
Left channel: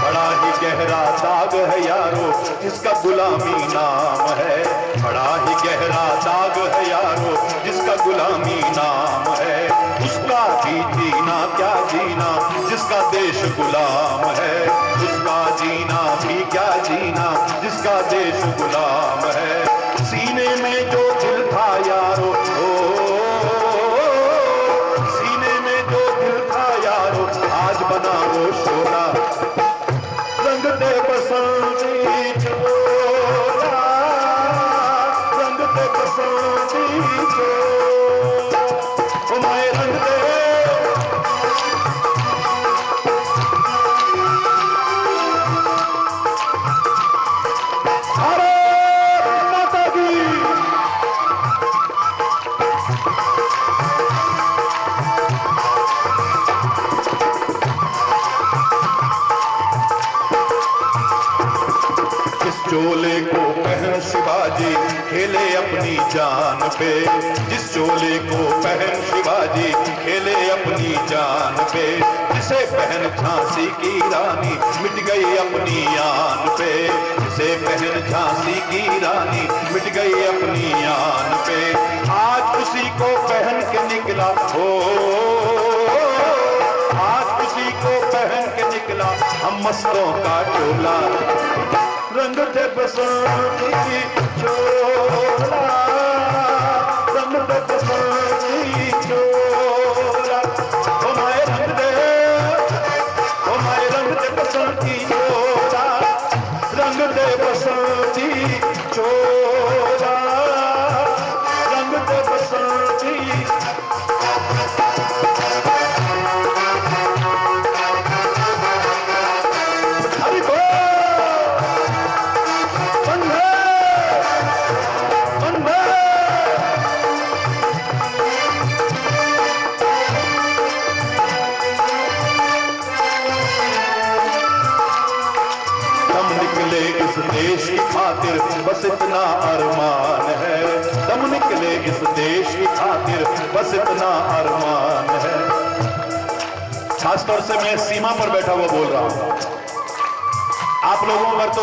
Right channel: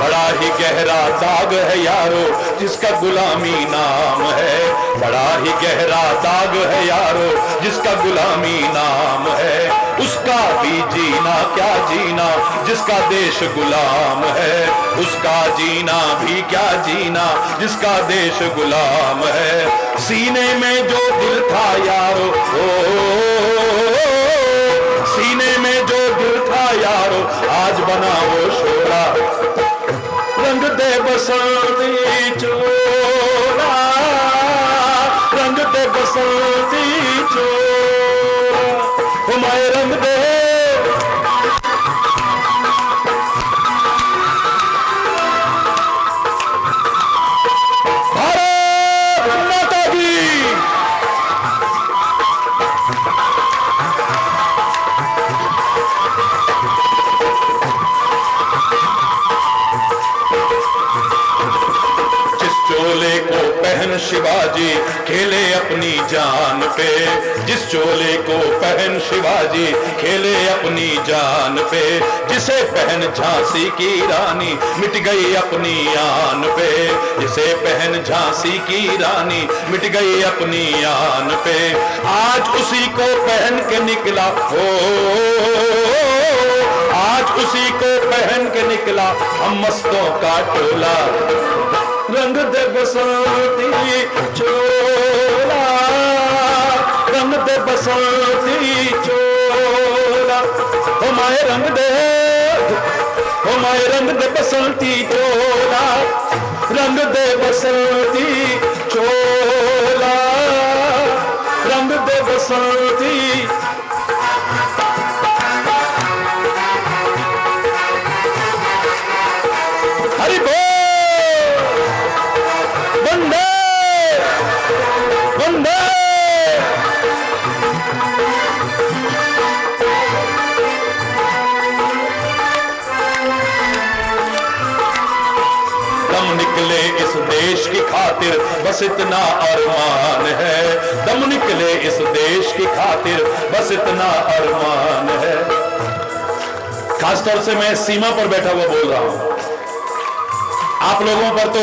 बड़ा ही गहरा दाग है यारो जिसका गुलामी नाम है, बड़ा ही गहरा दाग है यारो जिसका गुलामी नाम है। उसका भी जीना क्या जीना जिसका देश गुलाम है, उसका जीना भी क्या जीना जिसका देश गुलाम है। सीने में जो दिल था यारो, सीने में जो दिल था यारो आज बना वो शोला, रंग दे बसंती चोला, रंग दे बसंती चोला, तुम्हारे रंग दे। भारत माता की। चोले को पहन शिवाजी खेले अपनी जान पे, जिस चोले को पहन शिवाजी खेले अपनी जान पे, जिसे पहन झांसी की रानी मिट गई अपनी आन पे, जिसे पहन झांसी की रानी मिट गई अपनी आन पे। आज उसी को पहन के निकला हो, आज उसी को पहन के निकला हम मस्तों का टोला, रंग दे बसंती चोला, रंग दे बसंती चोला, हमारे रंग दे, हमारे रंग दे बसंती चोला, रंग दे बसंती चोला, रंग दे बसंती। हरि बोल। दम निकले इस देश की खातिर बस इतना अरमान है, दम निकले इस देश की खातिर बस इतना अरमान है। खासतौर से मैं सीमा पर बैठा हुआ बोल रहा हूं, आप लोगों पर तो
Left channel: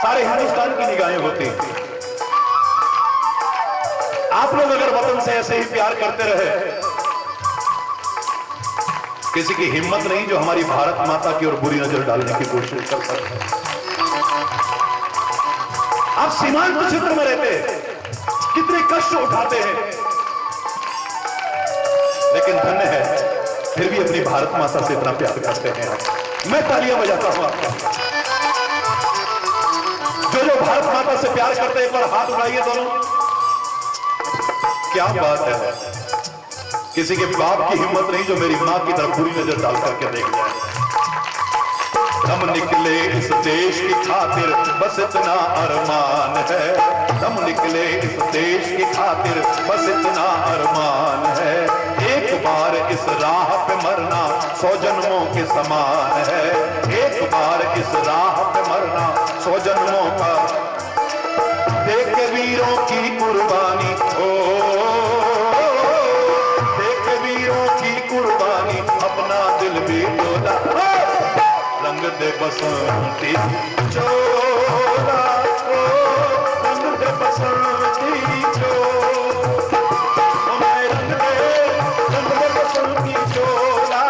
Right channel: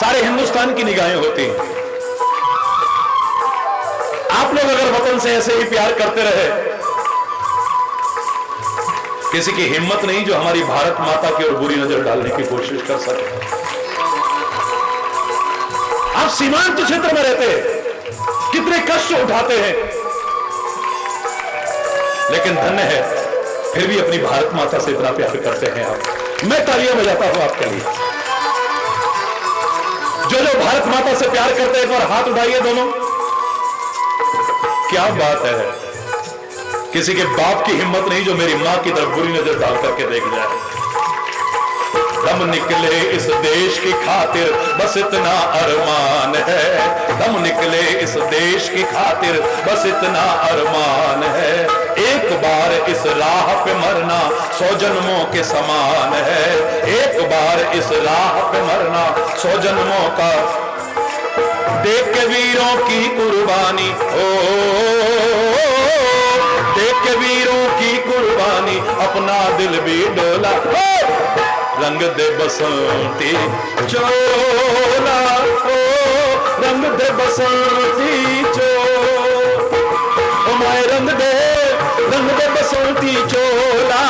सारे हिंदुस्तान की निगाहें होती हैं। आप लोग अगर वतन से ऐसे ही प्यार करते रहे, किसी की हिम्मत नहीं जो हमारी भारत माता की ओर बुरी नजर डालने की कोशिश कर सके। आप सीमांत क्षेत्र में रहते हैं, कितने कष्ट उठाते हैं, लेकिन धन्य है फिर भी अपनी भारत माता से इतना प्यार करते हैं आप। मैं तालियां बजाता हूं आपके लिए। जो जो भारत माता से प्यार करते हैं एक बार हाथ उठाइए दोनों। क्या बात है, किसी के बाप की हिम्मत नहीं जो मेरी मां की तरफ बुरी नजर डाल करके देख जाए। दम निकले इस देश की खातिर बस इतना अरमान है, दम निकले इस देश की खातिर बस इतना अरमान है। एक बार इस राह पे मरना 100 जन्मों के समान है, एक बार इस राह पे मरना 100 जन्मों का। देख के वीरों की कुर्बानी, ओ देख के वीरों की कुर्बानी अपना दिल भी डोला, रंग दे बसंती चोला, रंग दे बसंती चोला, हमारे रंग दे बसंती चोला,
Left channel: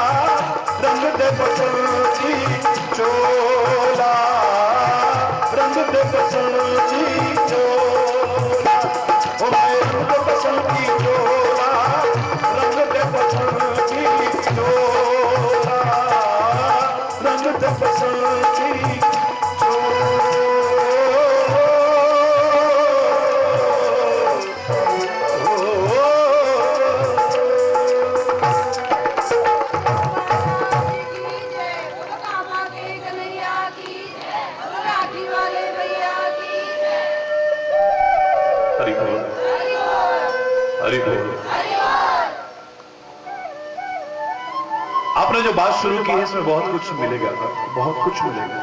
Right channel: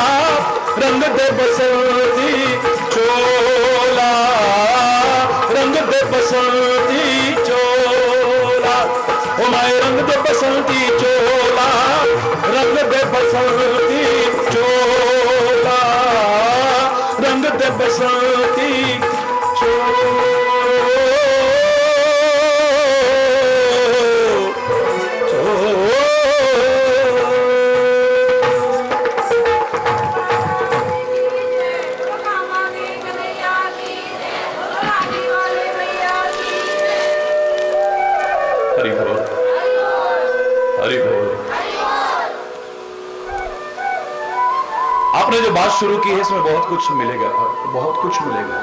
रंग दे बसंती चोला, रंग दे बसंती चोला, हमारे रंग दे बसंती चोला, रंग दे बसंती चोला, रंग दे बसंती चोला। हरि बोल। आपने जो बात शुरू की है इसमें बहुत कुछ मिलेगा, बहुत कुछ मिलेगा।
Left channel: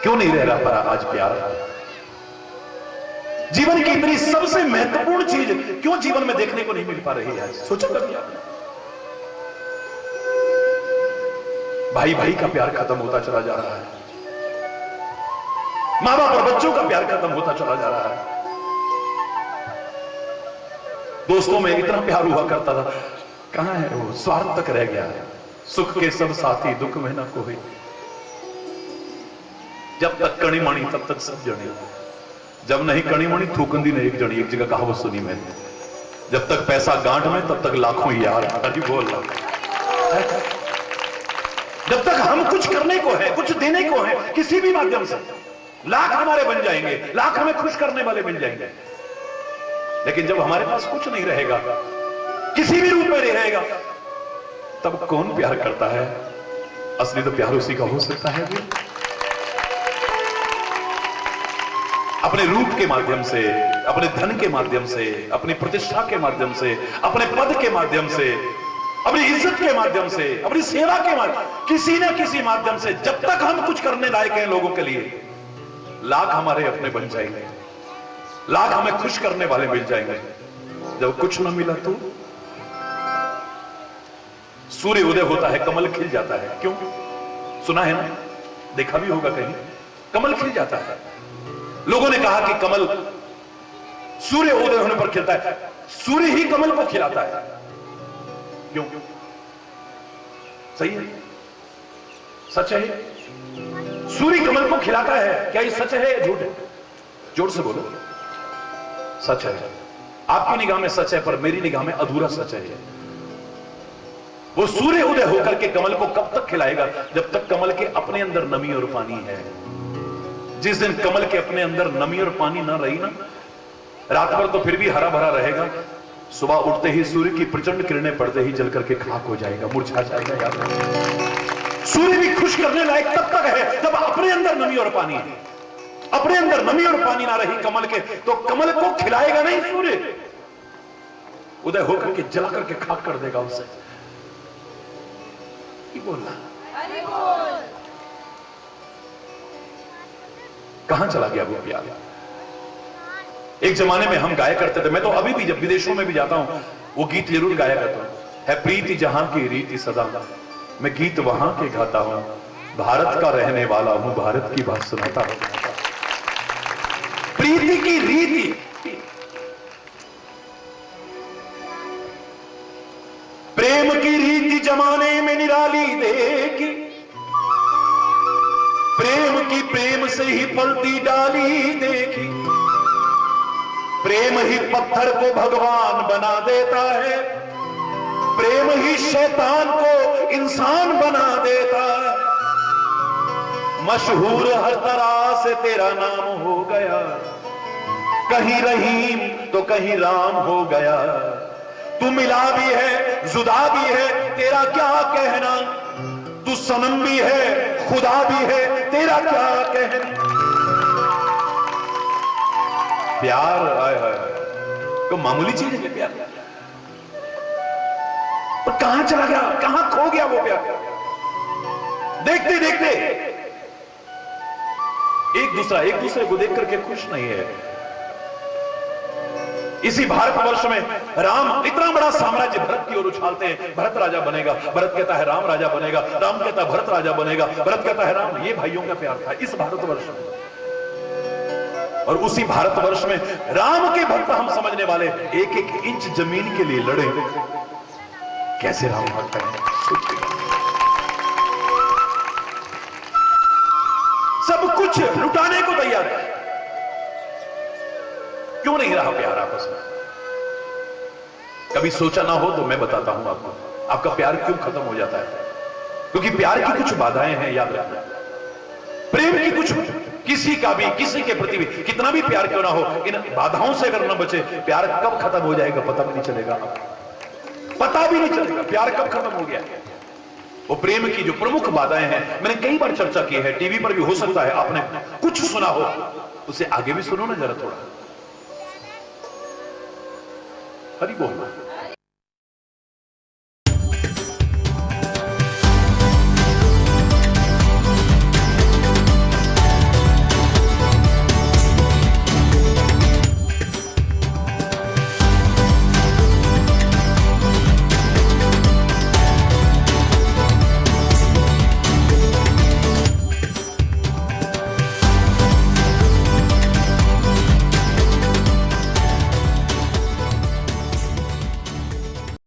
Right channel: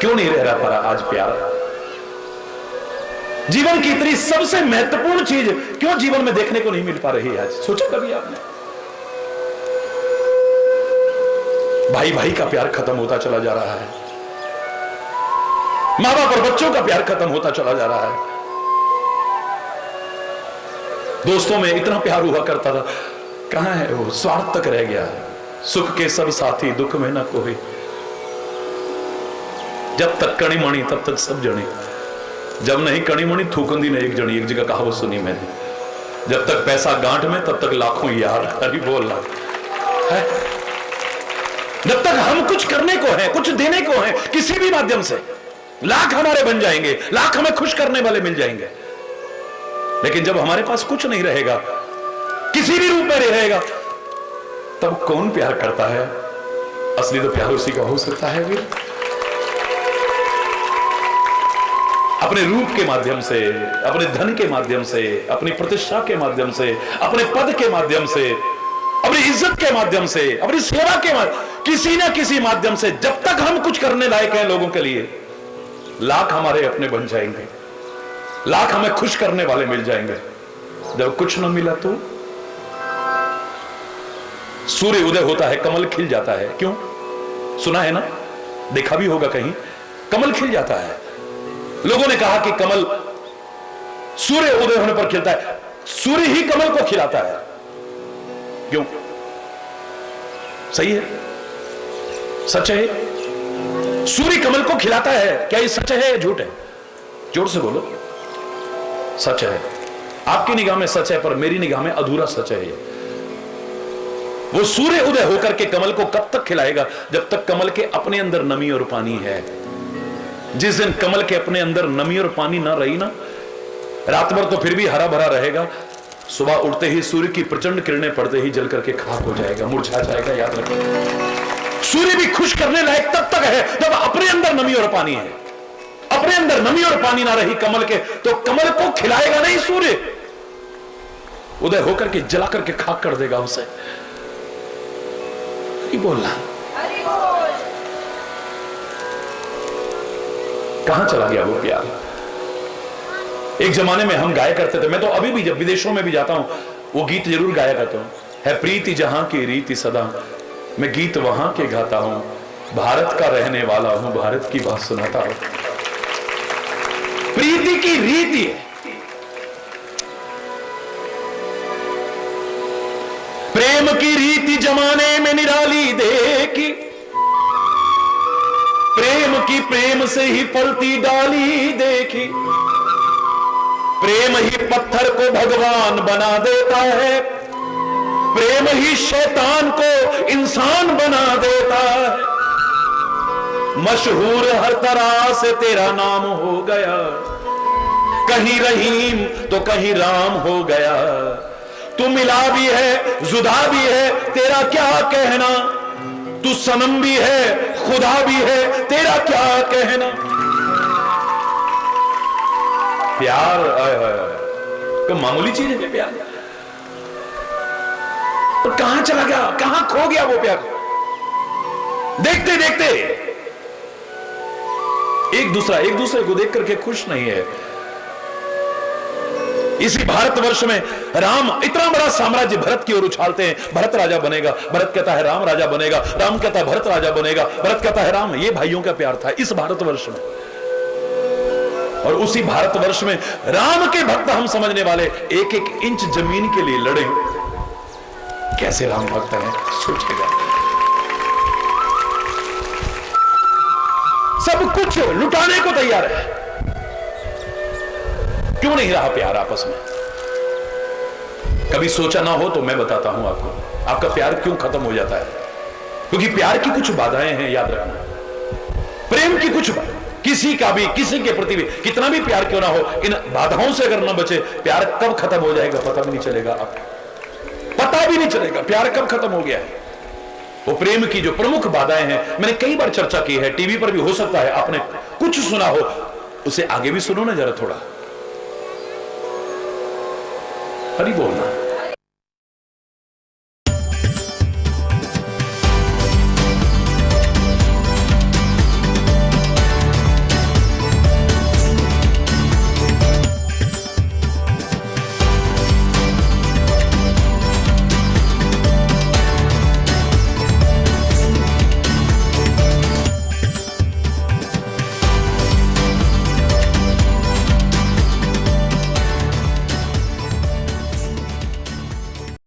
क्यों नहीं रह पा रहा आज प्यार? जीवन की इतनी सबसे महत्वपूर्ण चीज क्यों जीवन में देखने को नहीं मिल पा रही आज? सोचा कभी आपने? भाई भाई का प्यार खत्म होता चला जा रहा है, माँ बाप और बच्चों का प्यार खत्म होता चला जा रहा है। दोस्तों में इतना प्यार हुआ करता था, कहां है वो? स्वार्थ तक रह गया है। सुख के सब साथी, दुख में न कोई। जब तक कणी मणी तब तक सब जने, जब नहीं कणी मणी थूकंदी नहीं एक जनी। एक जगह कहावत सुनी मैंने, जब तक पैसा गांठ में तब तक लाखों यार। अभी बोल रहा है, जब तक हम कुछ करने को है, कुछ देने को है, किसी भी माध्यम से लाख हमारे बन जाएंगे, लाख हमें खुश करने वाले मिल जाएंगे। लेकिन जब हमारे पास कुछ नहीं रहेगा, किसी भी रूप में नहीं रहेगा, तब कौन प्यार करता है? असली तो प्यार उसी का हो सकता है भी। अपने रूप के माध्यम से, अपने धन के माध्यम से, अपनी प्रतिष्ठा के माध्यम से, अपने पद के माध्यम से, अपनी इज्जत के माध्यम से, अपनी सेवा के माध्यम, किसी न किसी माध्यम से जब तक हम कुछ करने लायक हैं लोगों के लिए, लाख हमारे अपने बन जाएंगे, लाख हमें खुश करने वाले मिल जाएंगे। जब कुछ न मिला तो सूर्य उदय होता है, कमल खिल जाता है। क्यों? सुना है ना, देखा भी होगा कहीं, कमल खिल जाता है। लोगों ने कहा कि कमल सूर्य उदय होने पर खिलता है, सूर्य ही कमल को खिलाता है। क्यों? सही है, सच है। सूर्य कमल को खिलाता है, क्या ये सच है या झूठ है? जोर से बोलो। सच है। आपकी निगाह में सच है, पर मेरी निगाह में अधूरा सच है ये। वो सूर्य उदय होकर के कमल को कब तक खिलाएगा? जब तक कमल के अपने अंदर नमी और पानी है। जिस दिन कमल के अपने अंदर नमी और पानी ना रही ना, रात भर तो फिर भी हरा भरा रहेगा, सुबह उठते ही सूर्य की प्रचंड किरणें पड़ते ही जल करके खाक हो जाएगा, मुरझा जाएगा। याद रखिए, सूर्य भी खुश करने लायक तब तक है जब अपने अंदर नमी और पानी है। अपने अंदर नमी और पानी ना रही कमल के, तो कमल को खिलाएगा नहीं सूर्य, उदय होकर के जला करके खाक कर देगा उसे। नहीं बोलना, कहां चला गया वो प्यार? एक जमाने में हम गाया करते थे, मैं तो अभी भी जब विदेशों में भी जाता हूं वो गीत जरूर गाया करता हूं। है प्रीति जहां की रीति सदा, मैं गीत वहां के गाता हूं, भारत का रहने वाला हूं, भारत की बात सुनाता हूं। प्रीति की रीति, प्रेम की रीति जमाने में निराली देखी, प्रेम की प्रेम से ही पलती डाली देखी, प्रेम ही पत्थर को भगवान बना देता है, प्रेम ही शैतान को इंसान बना देता है। मशहूर हर तरह से तेरा नाम हो गया, कहीं रहीम तो कहीं राम हो गया। तू मिला भी है जुदा भी है, तेरा क्या कहना, तू सनम भी है खुदा भी है, तेरा क्या कहना। प्यार कोई मामूली चीज है प्यार? और कहां चला गया, कहां खो गया वो प्यार? देखते देखते एक दूसरे को देख करके खुश नहीं है। इसी भारतवर्ष में राम इतना बड़ा साम्राज्य भरत की ओर उछालते हैं, भरत राजा बनेगा, भरत कहता है राम राजा बनेगा, राम कहता है भरत राजा बनेगा, भरत कहता है राम। ये भाइयों का प्यार था इस भारतवर्ष में। और उसी भारतवर्ष में राम के भक्त हम समझने वाले एक एक इंच जमीन के लिए लड़े। कैसे राम भक्त हैं, सोचेगा। सब कुछ लुटाने को तैयार है। क्यों नहीं रहा प्यार आपस में? कभी सोचा ना हो तो मैं बताता हूं आपको, आपका प्यार क्यों खत्म हो जाता है। क्योंकि प्यार की कुछ बाधाएं हैं, याद रखना। प्रेम की कुछ, किसी का भी, किसी के प्रति भी कितना भी प्यार क्यों ना हो, इन बाधाओं से अगर न बचे, प्यार कब खत्म हो जाएगा पता भी नहीं चलेगा। पता भी नहीं चलेगा प्यार कब खत्म हो गया है। वो प्रेम की जो प्रमुख बाधाएं हैं, मैंने कई बार चर्चा की है, टीवी पर भी हो सकता है आपने कुछ सुना हो, उसे आगे भी सुनो ना जरा थोड़ा, हरी बोलना।